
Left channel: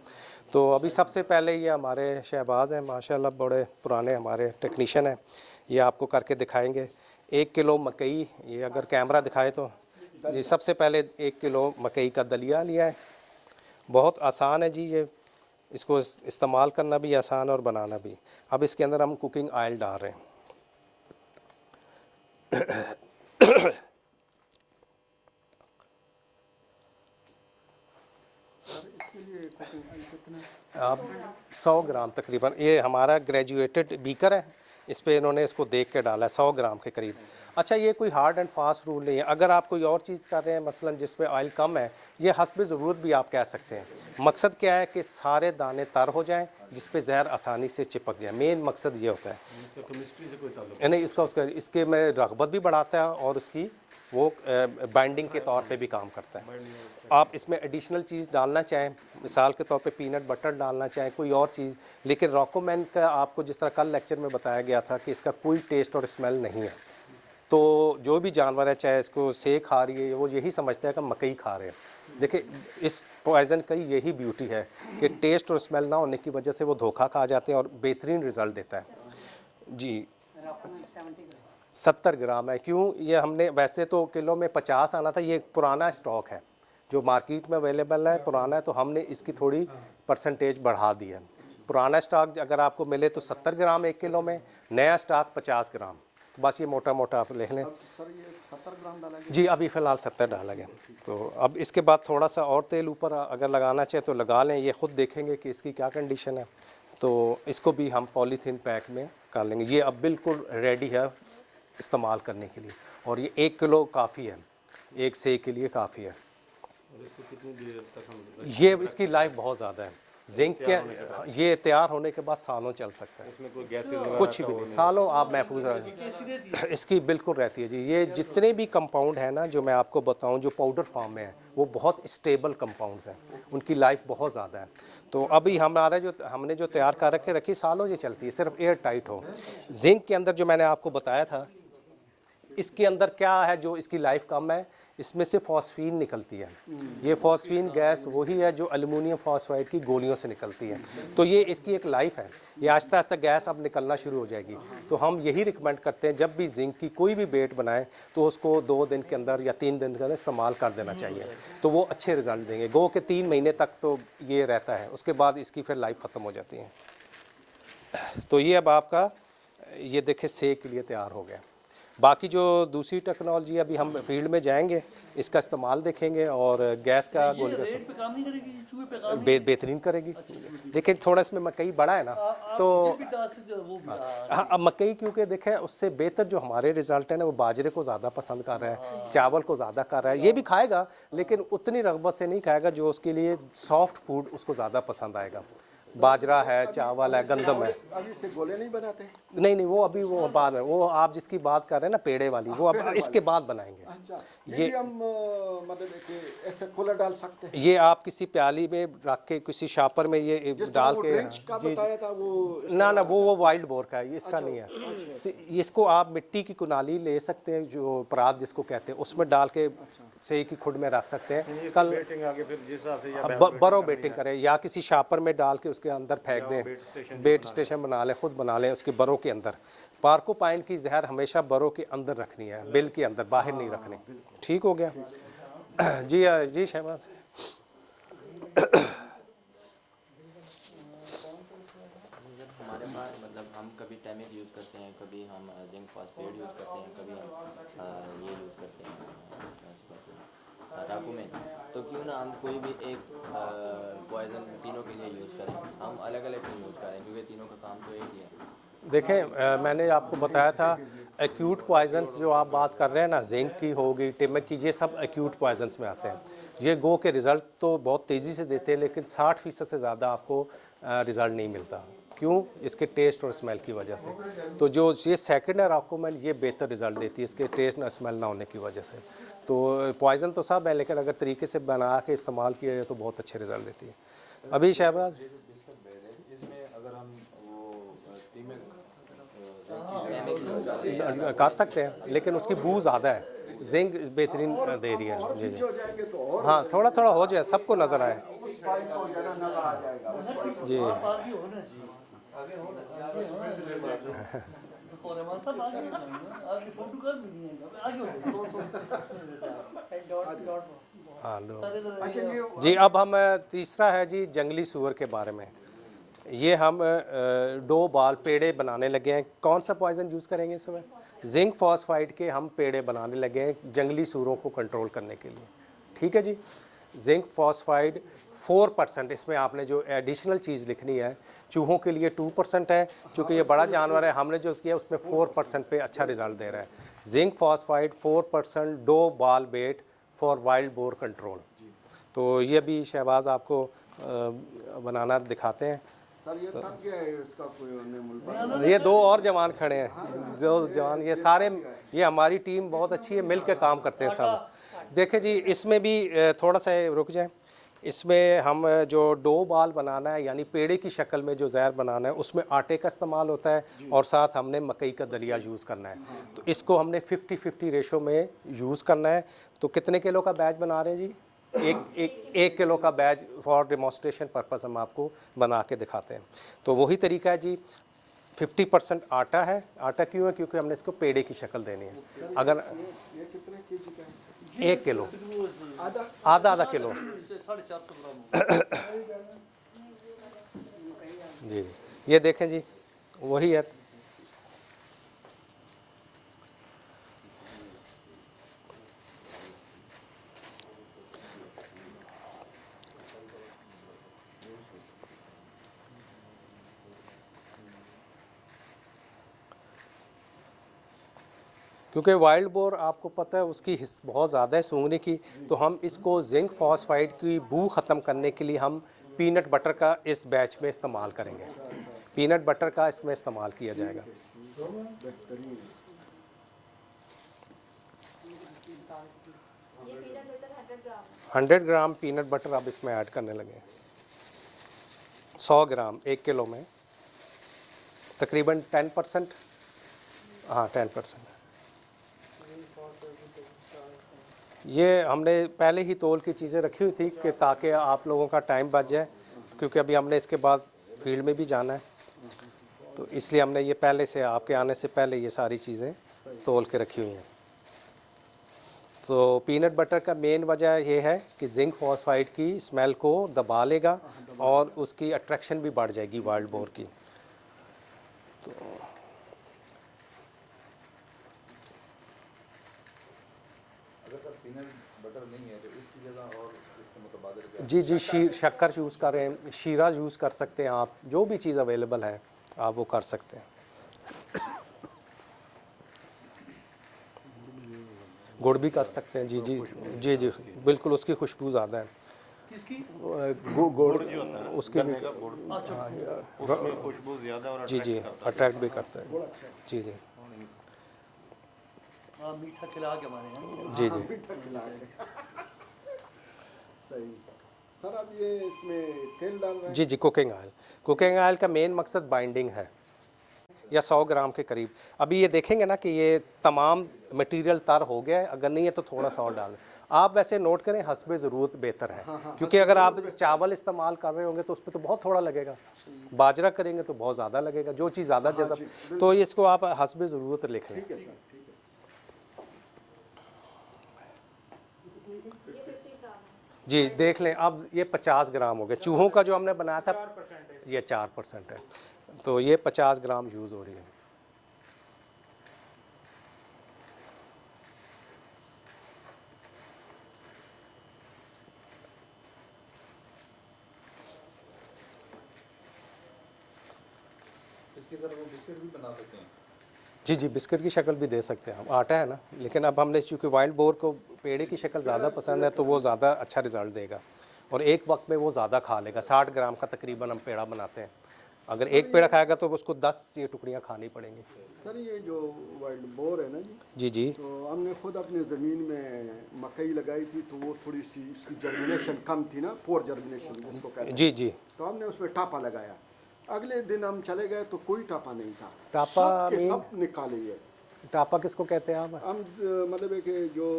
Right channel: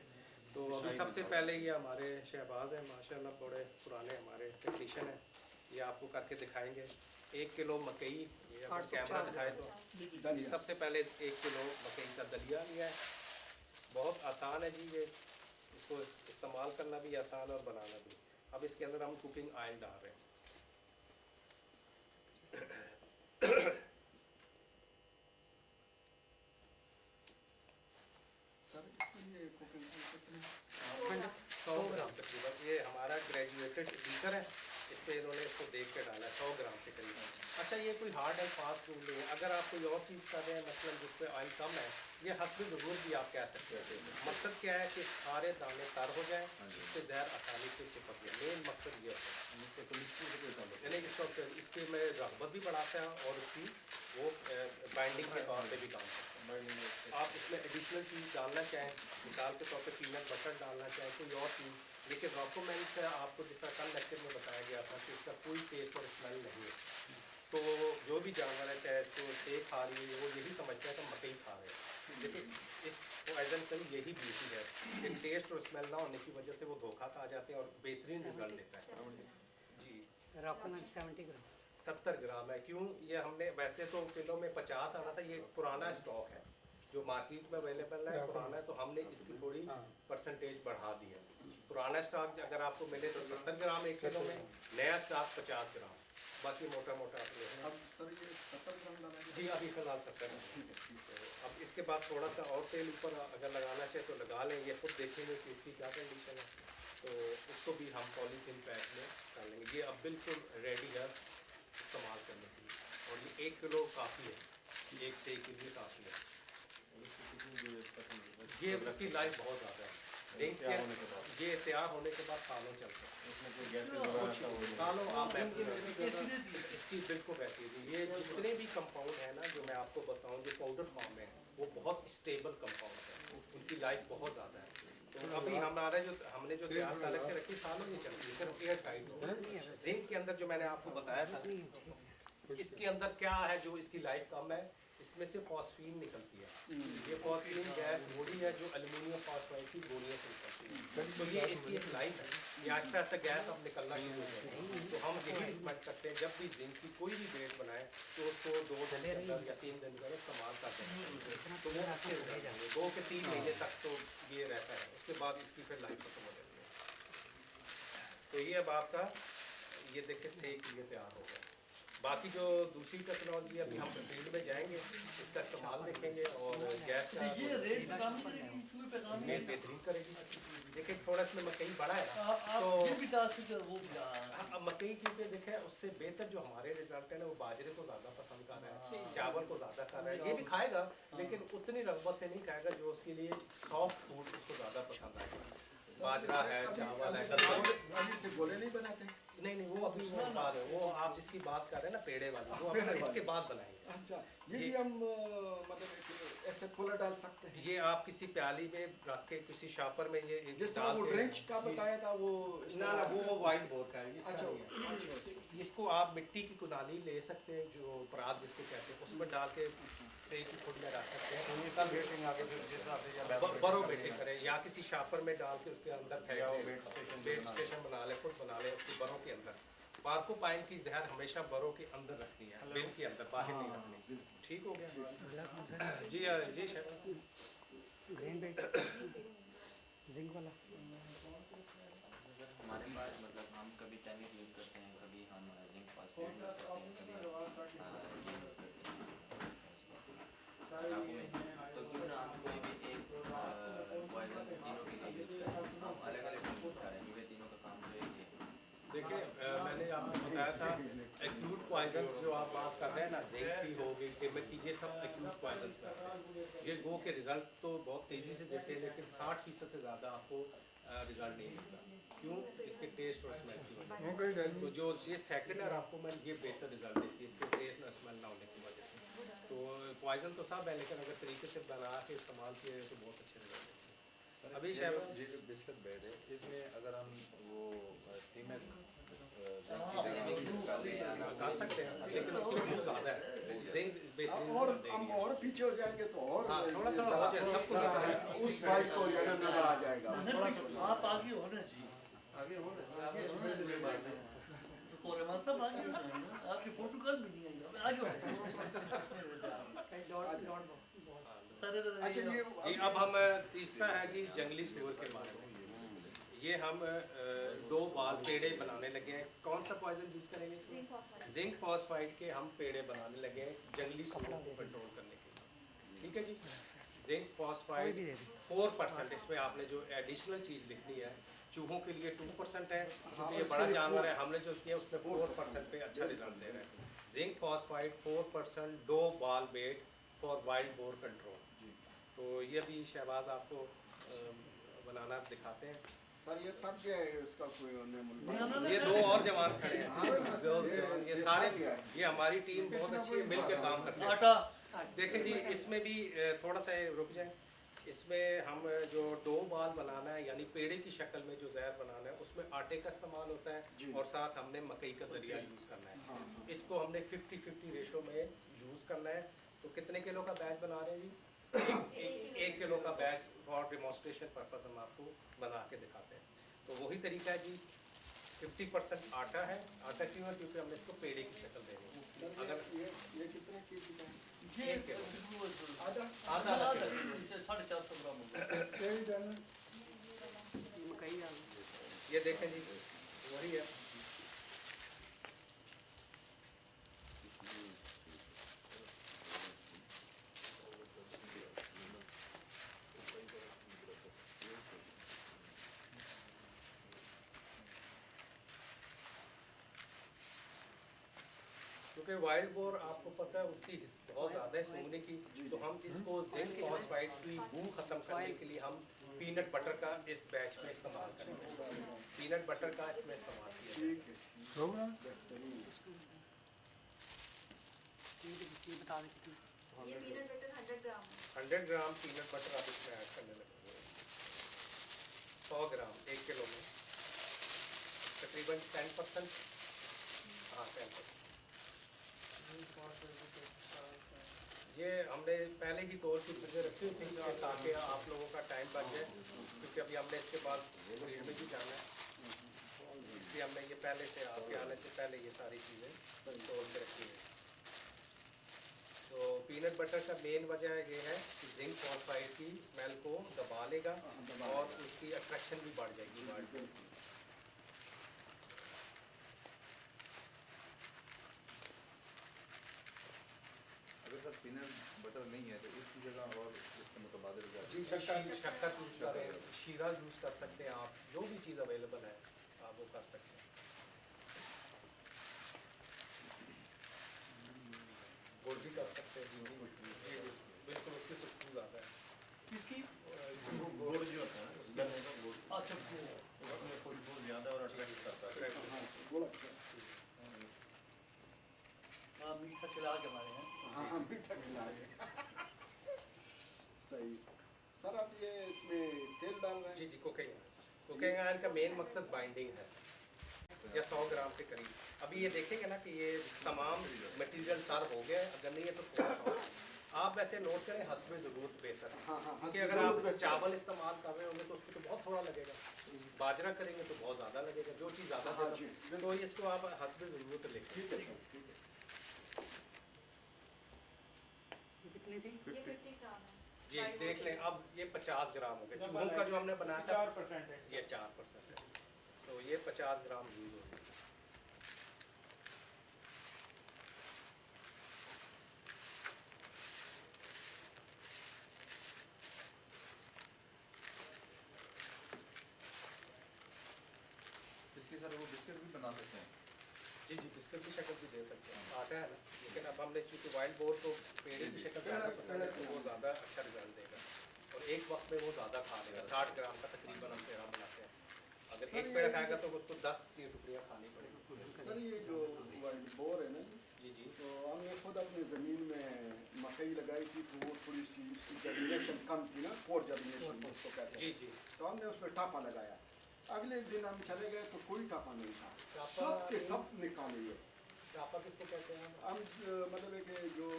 तो अभी सबसे पहले ये हमारे शहबाज हैं, माशाल्लाह बड़े पुराने हमारे टेक्नीशियन हैं, ये आपको करके दिखाएंगे। 1 किलो मकई, ये अगर कैमरा दिखाए तो जी, सबसे पहले 1 किलो मकई का दलिया लिया है। बहुत आसान है जी ये, इसको इस्तेमाल करना भी आसान और बनाना भी। अब इसके अंदर हम कुकिंग ऑयल डाल रहे हैं। अब 100 ग्राम तकरीबन, ये हमारा ग्रेजुएटेड बीकर है, इस पे इन्होंने इसको देख के डाला है 100 ग्राम के करीब। अच्छा, ये कोई हार्ड एंड फास्ट रूल नहीं है। अगर आप कोई और चीज़ कर रहे हैं, मसलन जिस पे ऑयल कम है, ये हस्ब ज़रूरत भी आप कह सकते हैं। मकसद क्या है कि सारे दाने तर हो जाएं, जिस पे जहर आसानी से चिपक जाए। मेन मकसद ये होता है। नहीं, इसके में रगबत भी बढ़ाता है और उसकी वो बाइंडिंग के तौर पे भी काम करता है। आप इसमें एडिशनल चीज़ डालना चाहें, मिसाल के तौर पे पीनट बटर डालना चाहें, कोई और चीज़, लेकिन रॉकोमैन का आपको जिस तरह कल लेक्चर में बताया गया था कि इसका कोई टेस्ट और स्मेल नहीं है। तो जो भी जानवर है, चाहे इसको सेक खा रही है, वो यही समझता है कि हम मकई खा रहे हैं। देखिए, इस पॉइज़न की यही ब्यूटी है कि टेस्ट और स्मेल ना होने की वजह से वो धोखा खा जाते हैं और बेहतरीन रिज़ल्ट देता है जी। 70 ग्राम है। क्यों? ये हमने वैसे तो किलो में 50 आना था, ये पुराना स्टॉक है जो मार्केट में अवेलेबल है, पुराना है, तो हमने इसकी थोड़ी परसेंटेज बढ़ा दी है। पुराना स्टॉक अगर आपको मिले तो 70 ग्राम 1 किलो में, नया स्टॉक 50 ग्राम। बस ये मोटा मोटा आप लिख लें जी। अभी फ़िलहाल 70 डाला गया। तो अब इसके बाद थोड़ा सा और तेल ऊपर अगर लगाना चाहे तो लगा लें, ये ख़ुद देखेंगे कि इसकी क्या कंडीशन है। तो इसको भी हम पॉलीथीन पैक में कर लेंगे। ये अब बिल्कुल रेडी है इस्तेमाल करने के लिए, और ये 1 किलो काफ़ी है, एक सेक के लिए काफ़ी है। ये इसकी लाइफ बहुत ज़्यादा है। जिंक के ये तैयार होने के बाद सालों चल सकता है, कुछ भी सालों आप महफूज रहें। इसकी बिल्कुल रहती है जी। ये जितने भी कंपाउंड हैं ना जो मैं आपको बताऊं, जो पाउडर फॉर्म में है, वो बहुत स्टेबल कंपाउंड्स हैं, उनकी लाइफ बहुत ज़्यादा है। तो अभी हमने जो तैयार कर रखे रखी सालों ये चलती है, सिर्फ एयर टाइट हो। जिंक के अंदर जो मैंने आपको बताया था, इसके अंदर क्या है जो इसकी लाइफ कम है, इसमें से फॉस्फीन निकलती है। ये फॉस्फीन गैस वही है जो एल्युमिनियम फॉस्फाइड की गोलियों से निकलती है। तो ये इसकी एक लाइफ है, ये आहिस्ता आहिस्ता गैस अब निकलना शुरू हो जाएगी। तो हम यही रिकमेंड करते हैं जब भी जिंक की कोई भी बेट बनाएं तो उसको 2 दिन के अंदर या 3 दिन के अंदर इस्तेमाल कर देना चाहिए, तो वो अच्छे रिजल्ट देंगे। गो के 3 महीने तक तो ये रहता है, उसके बाद इसकी फिर लाइफ ख़त्म हो जाती है। तो ये अब आपका ये देखें सेक के लिए तैयार हो गया। बाकी जो दूसरी टेक्नोलॉजी अभी हम फील्ड में जाएंगे, इसका इस्तेमाल देखेंगे और गैस का ये रेट पे काम नहीं करेगी, ये चूहे पे काम बेहतरीन करेगी। देखिए थोड़ा इसमें मकई बड़ा है ना, तो ये भी डाल सकते हो, वो भी हाँ अब मकई क्योंकि देखें उससे बेहतर जो हमारे रिजल्ट है ना वो बाजरे को ज़्यादा पसंद कर रहा है, चावल को ज़्यादा कर रहा है। ये भी खाएगा लेकिन उतनी रगबत से नहीं खाएगा जो उसके लिए सॉफ्ट फूड उसको ज़्यादा पसंद आएगा। बाजरा है, चावल है, गंदम है। अभी से गोले नहीं बनाते? नहीं वो अभी वो बाद में, वो आप जिसकी बात कर रहे हैं ना पेड़े वाली, वो अब इसके बाद बनाएंगे। अच्छा, ये भी हम मतलब कि ऐसे कूलर डाल सकते हैं? ये आप किसी प्याली में रख के किसी शापर में ये जिस डाल तरह वो के, ड्रेंच का बताया था वो ना वो वाइल्ड बोर का है, ये इसका नहीं है। इसको आप मिट्टी की कुनाली ले सकते हैं, जो परात जिसको कहते हैं, उसमें डाल के सही की खुड में रख सकते हैं। कल बरो बेटिंग करें या किसी शापर में डाल के उसके अंदर फेंक दें, बेट स्टेशन बना लें, खुद बना लें उसके बरों के अंदर। पार्कोपाइन की जहर हमेशा बरों के अंदर रखनी है, बिल के अंदर, बाहर नहीं रखनी। ठीक हो गया जी। जी शहबाज, हमारे पास मतलब हम कभी टैमिक यूज़ करते हैं, कभी हम जिंक फॉस्फेट यूज़ करते हैं, कभी हम ये यूज़ करते हैं डॉक्यूमेंट। तो क्यों ना हम कोई भी एक पॉइजन तीनों के लिए यूज़ करें, हम अलग अलग नहीं यूज़ करें क्योंकि तीनों का काम तो एक ही है। देखें मैंने आपको बताया था एक्यूट पॉइजन्स जो आप बात कर रहे हैं ना, जिंक की होगी, टिमक की, ये सब एक्यूट पॉइजन्स में आते हैं। ये गो के रिज़ल्ट तो बहुत तेज़ी से देते हैं लेकिन 60% से ज़्यादा आपको रिज़ल्ट नहीं मिलता। क्यों? इसके टेस्ट और स्मेल की वजह से। तो जो ये सेकंड है रॉकोमेंट, ये बेहतर रिज़ल्ट देती है इसके टेस्ट ना स्मेल ना होने की वजह से। तो पॉइज़न तो सब है लेकिन अगर तरीके से बना के इस्तेमाल किया जाए तो बहुत अच्छे रिज़ल्ट देती है। अभी शहबाज कर सकते हैं लेकिन उसकी बू ज़्यादा है, जिंक बेहतरीन दे रही है। जी जी हो जाएंगे तो और हाँ, थोड़ा थोड़ा हो जाए, सबको नज़र आए। उस पाइप को नजर आ जाएगा। जी आगे होना चाहिए, आगे होना चाहिए। तो रहमान साहब आगे होना चाहिए, आपकी फोटो कल भी नहीं है, आगे हो हाँ लो अच्छा, ये जी। अब हम तीसरा है जी जंगली सूअर के बारे में। ये हम 2 बाल पेड़े बनाने लगे हैं। कौन सा पॉइजन यूज़ करेंगे इस समय? जिंक फॉस्फाइड के हम पेड़े बनाने लगे हैं जंगली सूअरों को कंट्रोल करने के लिए। ठीक है जी। जिंक फॉस्फाइड 4%, इसमें आपने जो एडिशनल चीज़ लिखनी है, चूहों के लिए 2% है, चूँकि ये बड़ा जानवर है, हमने जो किया उसमें 4% पे अच्छा रिजल्ट दे रहा है। जिंक फॉस्फाइड 4%, 2 बाल बेट फॉर वाइल्ड बोर कंट्रोल। तो ये भी शहबाज आपको बनाना दिखाते हैं। सर ये थक गया है, इसका कोई अन्य मुल्क ये 2 और जवान खड़े हैं, 2 जवान, ये सारे, ये हमारी टीम बहुत अच्छी है, मिल के काम करते हैं सब। देखें जी, इसमें भी थोड़ा सा रुक जाए, इसमें हम जो 2 बाल बनाना है यानी पेड़े की शक्ल में जो जहर बनाना है उसमें आटे का इस्तेमाल होता है और साथ हमने मकई का दलिया यूज़ करना है। तो इसको हमने 50-50 रेशो में यूज़ करना है। तो कितने किलो का बैच बना रहे हैं जी? एक किलो का बैच फॉर डेमोस्ट्रेशन पर्पस हम आपको बना के दिखाते हैं। तो वही तरीका है जी। 50% आटा है। आटा क्यों है? क्योंकि हमने इसको पेड़े की शक्ल देनी है। अगर ये कितने केजी का है? 1 किलो, आधा आधा किलो 450 ग्राम। जी जी, ये देखें जी, वही है। क्योंकि वाइल्ड बोर आपको पता है उसकी बहुत ज़्यादा है सूंघने की, तो हम इसको जिंक फॉस्फाइड की बू ख़त्म करने के लिए हम पीनट बटर का इस बैच में इस्तेमाल करेंगे। पीनट बटर का इसमें इस्तेमाल किया जाएगा। ये पीनट बटर 100 ग्राम 100 ग्राम पीनट बटर अब इसमें ऐड करने लगे। 100 ग्राम 1 किलो में तकरीबन 10%, हाँ 10%। ये हमने पहले ही तौल की चीज़ें रखी हुई थी कि ताकि आप लोगों का टाइम बच जाए, क्योंकि अभी हमने इसके बाद फील्ड में भी जाना है, तो इसलिए हमने ये पहले से आपके आने से पहले ये सारी चीज़ें तौल के रखी हुई हैं। तो पीनट बटर का मेन वजह ये है कि जिंक फॉस्फाइड की स्मेल को दबा लेगा और उसकी अट्रैक्शन भी बढ़ जाएगी वाइल्ड बोर की। अगर सर पीनट बटर नहीं है तो इसकी जगह और इसके मुतबादिल क्या? जी शक्कर यूज़ करें, शीरा यूज़ कर सकते हैं आप, जो भी चीज़ अवेलेबल है आप वो कर सकते हैं। गुड़ भी कर सकते हैं। जी बिल्कुल, उसकी खुशबू ज़्यादा है। किसकी? गुड़ उसकी भी उसमें खुशबू ज़्यादा और जी अट्रैक्ट भी करता है। जी मीठा खिला के हमारे यहाँ। जी मीठा खिलाए। सही सर, अब ये इसमें तेल डाल रहे हैं? जी कुकिंग ऑयल का मेन मकसद बाइंडिंग है, या 100 ग्राम के करीब। अभी ये देखेंगे ना कि ये तमाम मटेरियल तर हो गया है, अगर नहीं है तो थोड़ा सा और डालें। आप वैसे नोट करें हस्बे ज़रूरत बेहतर है, क्योंकि अगर आप चावल इस्तेमाल कर रहे होंगे तो उस पर तो बहुत थोड़ा लगेगा, बाजरा करेंगे तो बहुत ज़्यादा लगेगा, जो चीज़ ज़्यादा जज़ब, तो इसको आप हस्बे ज़रूरत लिख लें। ये 50 ग्राम है। जी देख लें, अब ये 50 ग्राम हो गए। चूहों का जो हमने बनाया था ये 4% है, तो ये 50 ग्राम यूज़ हो रही है। इसके सर वो बिस्किट भी बना सकते हैं? जी बिस्किट की शक्ल भी दे सकते हैं हम, आटा है ना, लेकिन अब हमने चूँकि वाइल्ड बोर को पेड़े की शक्ल ज़्यादा पसंद है तो वो ज़्यादा अच्छा रिज़ल्ट देगा और एक वक्त में वो ज़्यादा खा लेगा। 60 ग्राम का तकरीबन हम पेड़ा बनाते हैं, अगर एक पेड़ा खाएगा तो उसको 10 ये टुकड़ियाँ खानी पड़ेंगी। सर ये जो वाइल्ड बोर है ना जी तो हमने खुद अपने ज़मीन में मकई लगाई थी, तो वो थोड़ी सी इसकी जर्मिनेशन कम थी ना, पोर जर्मिनेशन जिसको कहते हैं। जी तो हमने उसमें टापा लगाया। अगले दिन हम चले गए तो कोई टापा नहीं था। टापा सब के मीन? सब निकाले ये। टापा किसको कहते हैं आप? हम मतलब है कि जो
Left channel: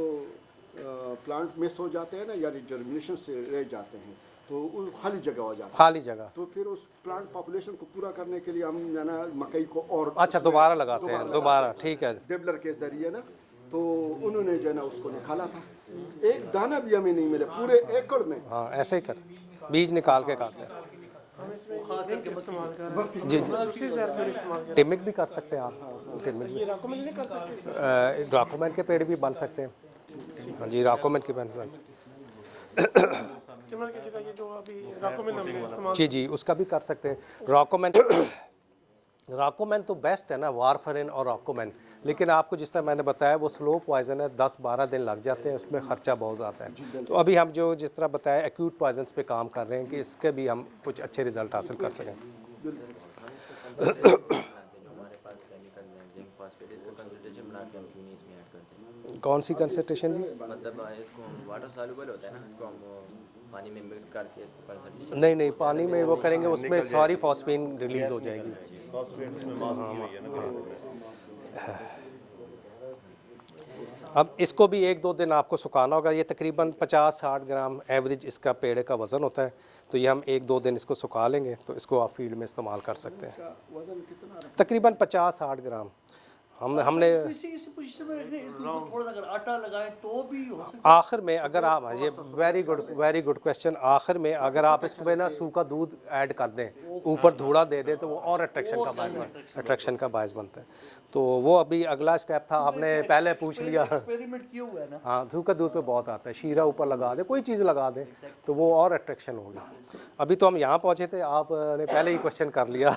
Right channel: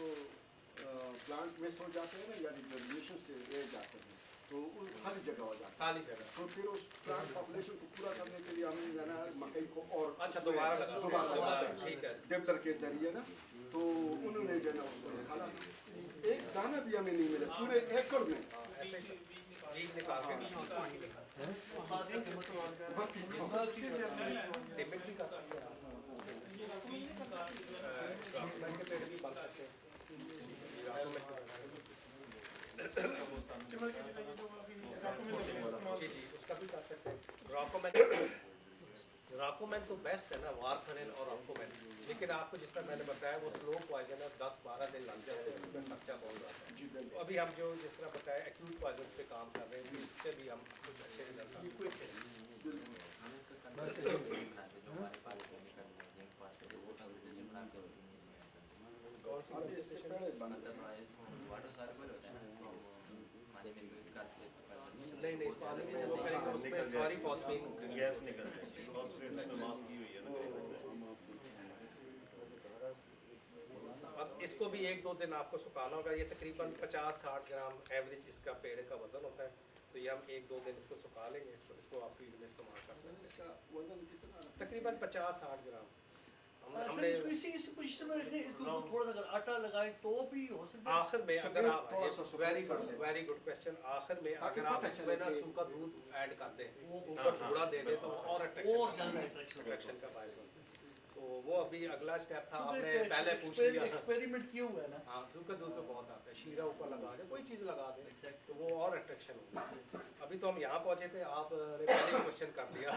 प्लांट मिस हो जाते हैं ना, यानी जर्मिनेशन से रह जाते हैं, तो उस खाली जगह हो जाती है। खाली जगह, तो फिर उस प्लांट पॉपुलेशन को पूरा करने के लिए हम जो है ना मकई को और अच्छा दोबारा लगाते हैं, दोबारा, ठीक है। डेवलर के जरिए ना, तो उन्होंने जो है ना उसको निकाला था। एक दाना भी हमें नहीं मिला पूरे एकड़ में। हाँ ऐसे ही कर, बीज निकाल के खाते हैं। जी टिमिक भी कर सकते हैं आप, टिमिक भी, राकोमेन के पेड़ भी बन सकते हैं। हाँ जी राकोमेन के पेड़ बन, जी उसका भी कर सकते हैं। राकोमेन तो बेस्ट है ना, वारफेरिन और राकोमेन, लेकिन आपको जिस तरह मैंने बताया वो स्लो पॉइजन है, 10-12 दिन लग जाते हैं, उसमें ख़र्चा बहुत आता है। तो अभी हम जो जिस तरह बताया एक्यूट पॉइजन्स पे काम कर रहे हैं कि इसके भी हम कुछ अच्छे रिजल्ट हासिल कर सकें। कौन सी कंसंट्रेशन जी? मतलब इसको वाटर सॉल्युबल होता है ना, इसको हम पानी में मिक्स करके इसको कंसंट्रेशन नहीं पानी में वो करेंगे उसमें सारी फॉस्फीन रिलीज़ हो जाएगी। अब इसको भी 1-2 दिन आपको सुखाना होगा। ये तकरीबन 50-60 ग्राम एवरेज इसका पेड़ का वज़न होता है, तो ये हम 1-2 दिन इसको सुखा लेंगे तो इसको आप फील्ड में इस्तेमाल कर सकते हैं। वजन कितना? तकरीबन 50-60 ग्राम हमने इसी पोजीशन में रखने, इसको थोड़ा सा अगर आटा लगाएं तो भी हो सकता आखिर में, अगर आप, ये वेरी गुड क्वेश्चन, आखिर में अगर आप इसमें ना सूखा दूध ऐड कर दें, ऊपर धूड़ा दे दें, तो वो और अट्रैक्शन का बायस बनता है। तो वो अभी अगला स्टेप था, आपने पहले पूछ लिया। एक्सपेरिमेंट किया हुआ है ना। हाँ सूखा दूध पे बहुत आता है, शीरा ऊपर लगा दे, कोई चीज़ लगा दे तो वो और अट्रैक्शन होगी। अभी तो हम यहाँ पहुँचे थे, आपने पहले ही क्वेश्चन कर लिया।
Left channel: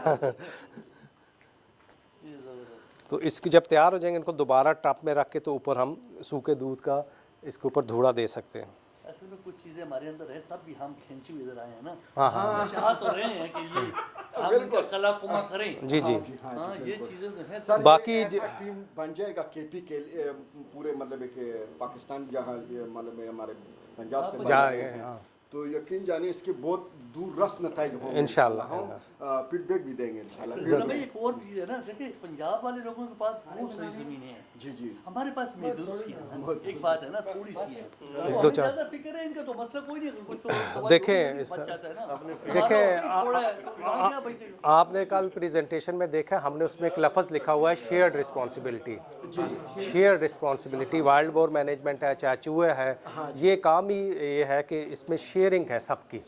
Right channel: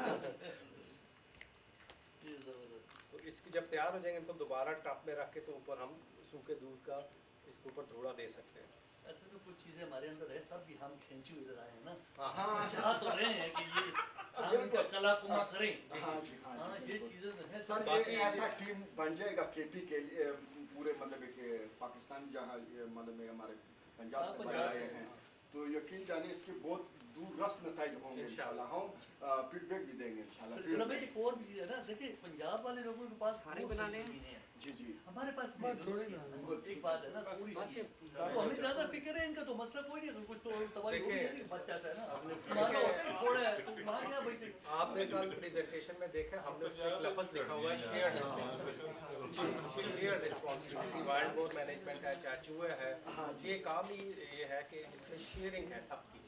तो इसकी जब तैयार हो जाएंगे इनको दोबारा टप में रख के तो ऊपर हम सूखे दूध का इसके ऊपर धूड़ा दे सकते हैं। असल में कुछ चीजें हमारे अंदर है, तब भी हम खींची इधर आए हैं ना। हाँ चाह तो रहे हैं कि ये हम इनका कला कुमा करें। जी हाँ ये चीजें तो हैं। सर बाकी ये ऐसा टीम बन जाएगा केपी के पूरे मतलब कि पाकिस्तान जहाँ मतलब हमारे पंजाब से जा बने हैं, तो यकीन जाने इसके बहुत दूर रस नताइज होंगे इंशाल्लाह। फीडबैक भी देंगे इंशाल्लाह। जरा भाई एक और चीज़ है ना, देखिए पंजाब वाले लोगों के पास बहुत सारी ज़मीनें हैं, जी जी हमारे पास महदूद सी है ना, एक बात है ना, थोड़ी सी है। एक तो दो हमें चार- ज़्यादा फिक्र है इनका, तो मसला कोई नहीं, कुछ तो देखें, बच जाता है ना। देखें, थोड़ा है, तो वहाँ क्या बचेगा? आपने कल प्रेजेंटेशन में देखा, हमने उसमें एक लफ्ज़ लिखा हुआ है shared responsibility. Shared responsibility wild boar management है, चाहे चूहे है, ये काम ही ये है कि इसमें शेयरिंग है सबकी।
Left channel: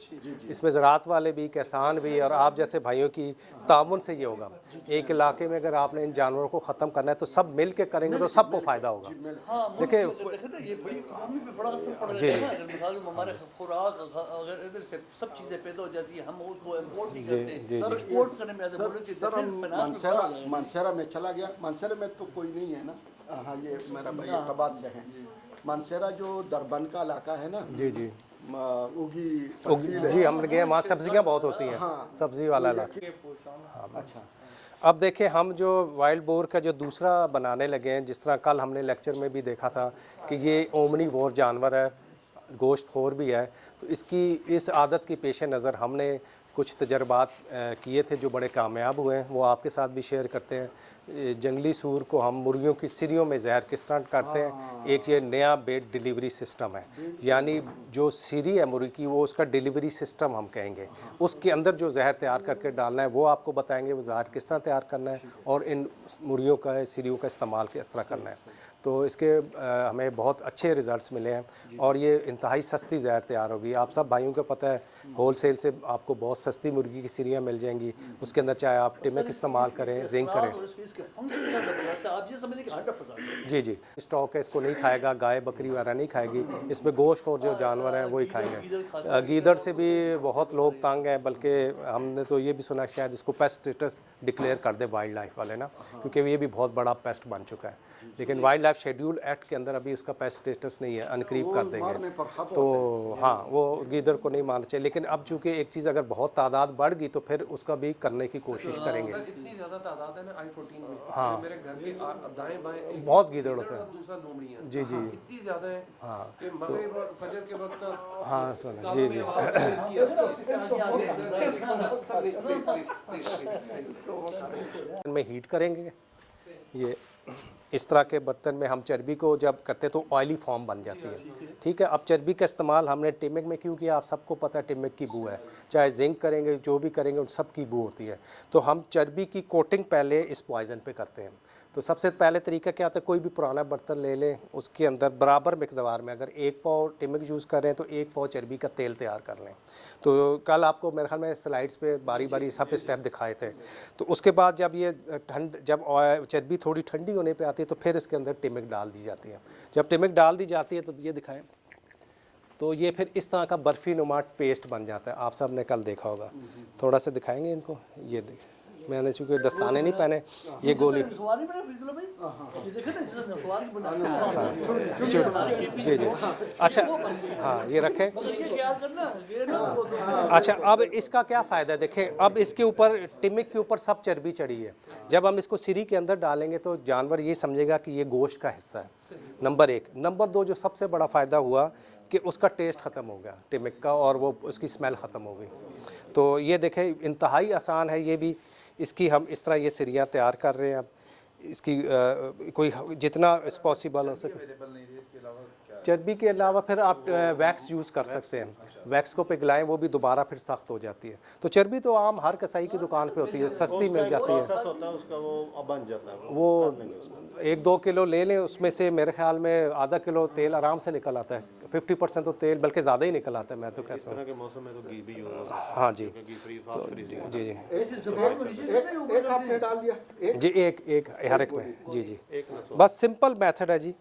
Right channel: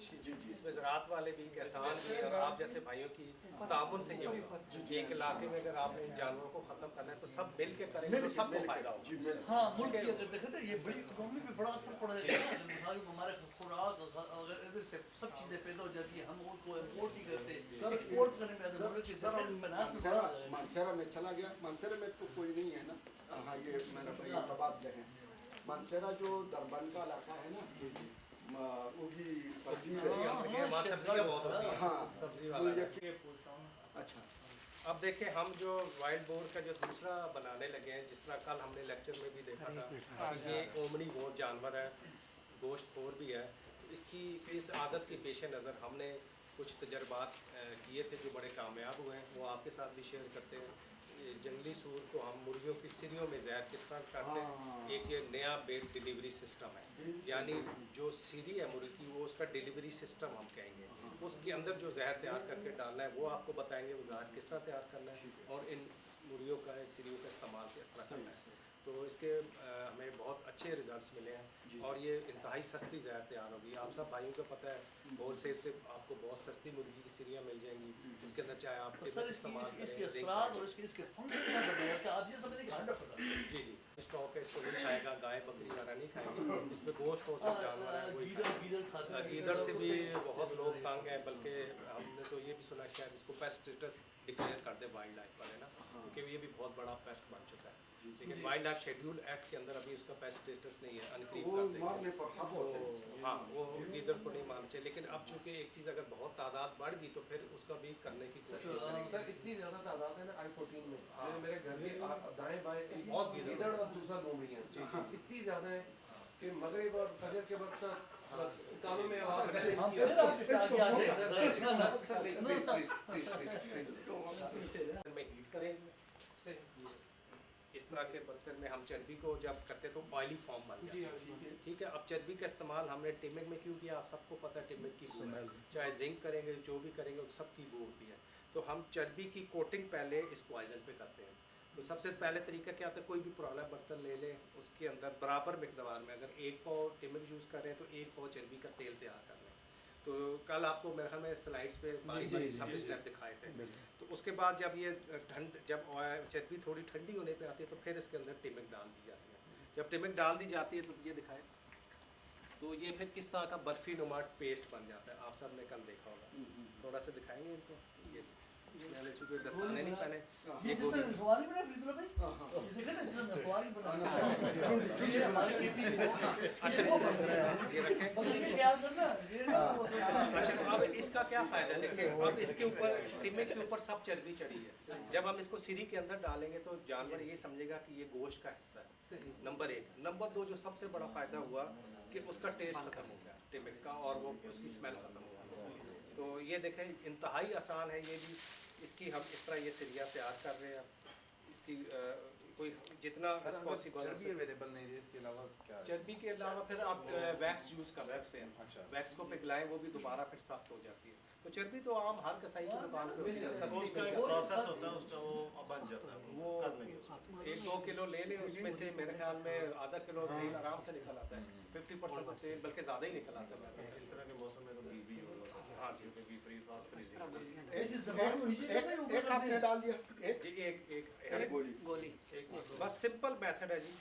इसमें ज़राअत वाले भी, किसान भी और आप जैसे भाइयों की ताउन से ये होगा। एक इलाके में अगर आपने इन जानवरों को ख़त्म करना है तो सब मिल के करेंगे तो सबको फ़ायदा होगा। हाँ, देखिए, देखे ना, ये बड़ी इकोनॉमी पे बड़ा असर पड़ रहा है ना। जब मिसाल में हमारे खुराक अगर इधर से सब चीज़ें पैदा हो जाती है, हम उसको इम्पोर्ट नहीं करते, एक्सपोर्ट करने में सर हम मानसेरा में चला गया। मानसेरा में तो कोई नहीं है ना। हाँ, ये मेरा भाई अहमदाबाद से है। मानसेरा जो दरबन का इलाका है ना, जी जी उगी तहसील है। जी, हम गए वहाँ सब्जियाँ बहुत होती हैं, सब्जी वाला इलाका। अच्छा, अब देखें, हम जो वाइल्ड बोर का जो दूसरा बनाने लगे हैं, जिस तरह कल हमने लेक्चर में भी देखा था कि ये ओमनीवोर जानवर है, गोश्तखोर भी है, तो इसकी इस आदत के पेश नज़र हमने कुछ तजर्बात किए थे जो बड़े कामयाब हुए हैं, वो आपके साथ भी शेयर करते हैं। जंगली सूर को हम मुर्गियों की सिरियों में जहर किस तरह करते हैं, एक ये नया बेड डिलीवरी सिस्टम है, यानी जो सिरी है मुर्गी की, वो उसका डिलीवरी सिस्टम हम कहेंगे, उसके अंदर जो जहर तैयार करके डालना है वो आपको बताएंगे, वो जहर किस तरह तैयार करना है और इन मुर्गियों का सिरियों का इस्तेमाल किस तरह करना है। तो इसके हमें बहुत अच्छे रिज़ल्ट्स मिले हैं और ये इंतहाई सस्ती जहर तैयार होगी। आप सब भाइयों को पता है, होल सेल से आपको बहुत सस्ती मुर्गी की सिरियाँ मिल जाएंगी, उसके अंदर चाहे आप टिमिक इस्तेमाल करें, जिंक करें। जी जी, स्टॉक है, इसको नहीं खाएगा, गाय बकरी वगैरह नहीं खाएगी, इसमें गोश्त और जो जानवर हैं वही खाएंगे। गीदड़ से भी बहुत लोग तंग हैं, बल्कि हमने तो ये भी सुना शायद इसको पेस्ट स्टेटस डिक्लेयर कर दे वाइल्ड लाइफ वाले ना, क्योंकि ये भी बहुत बड़ा पेस्ट बन चुका है। लेकिन वाइल्ड लाइफ शेड्यूल एक्ट के अंदर अभी उसका पेस्ट स्टेटस नहीं है, अनकरीब कर देंगे। तो हाँ, वो गीदड़ को नहीं मानना चाहिए, लेकिन अब चूँकि एक चीज़ अगर बहुत तादाद बढ़ गई तो फिर उसका भी करने की कोशिश करेंगे। इतनी ज़्यादा तादाद है ना I-14 में, हाँ। मेरे घर के दाएं बाएं बहुत गीदड़ होते हैं। दूसरा लोमड़ी है। जी जी इतनी ज़्यादा है हाँ कि मगरिब और फजर के वक्त हाँ, सुना जी जी। में हीट करेंगे, ये इस तरह के बर्तन में हम चर्बी को जब करते तो ऑयली फॉर्म बन जाती है। ठीक है, अब चर्बी का इस्तेमाल हमने टिमिक में क्यों किया, आप सबको पता है टिमिक की बू है, चाहे जिंक करेंगे जो भी करेंगे उन सब की बू होती है। तो हम चर्बी की कोटिंग पहले इस पॉइज़न पे करते हैं। तो सबसे पहले तरीका क्या होता है, कोई भी पुराना बर्तन ले लें, उसके अंदर बराबर मिकदार में, अगर 1 पाव टिमिक यूज़ कर रहे हैं तो 1 पाव चर्बी का तेल तैयार कर लें। तो कल आपको मेरे ख्याल में स्लाइड्स पे बारी बारी सब स्टेप दिखाए थे। तो उसके बाद जब ये जब चर्बी थोड़ी ठंडी होने पे आती है तो फिर इसके अंदर टिमिक डाल दी जाती है। जब टिमिक डाल दी जाती है तो ये दिखाएं, तो ये फिर इस तरह का बर्फ़ी नुमा पेस्ट बन जाता है। आप सब ने कल देखा होगा, थोड़ा सा दिखाएंगे इनको। ये देखें, मैंने चूँकि दस्ताने नहीं पहने, ये गोली जी जी। अच्छा हाँ, ये रखें। अच्छा, अब इसका क्या फ़ायदा है, देखें, अब इसके ऊपर टिमिक के ऊपर सब चर्बी चढ़ी है। जब हम इसको सिरी के अंदर डालेंगे तो जानवर ये समझेगा कि ये गोश्त का हिस्सा है, नंबर 1। नंबर 2, जो सबसे बड़ा फ़ायदा हुआ कि उसका टेस्ट ख़त्म हो गया टिमिक का, और वो उसकी स्मेल ख़त्म हो गई। तो ये देखें, इंतहाई आसान है ये भी। इसकी हम इस तरह ये सिरियाँ तैयार कर रहे हैं। अब इसकी कोई जितना पॉसिबल हो सके। चर्बी के अलावा फिर आप वैक्स यूज़ कर सकते हैं, वैक्स को पिघलाएं, वो भी दोबारा फिर सख्त हो जाती है। तो चर्बी तो आम हर कसाई की दुकान पे होती है, सस्ती मिल जाती है। वो बन जाता है। वो 1-2 किलो ले लें, उसमें से मेरे ख्याल में आधा किलो तेल आराम से निकल आता है। 50% तो तेल बल्कि ज़्यादा ही निकल आता है, मैं तो कहता हूँ। के मौसम में तो घी भी होगा। हाँ जी, तो जी जी एक आपने डाल दिया, एक जी, एक हर एक में। जी जी, बस सिंपल मेथड है जी।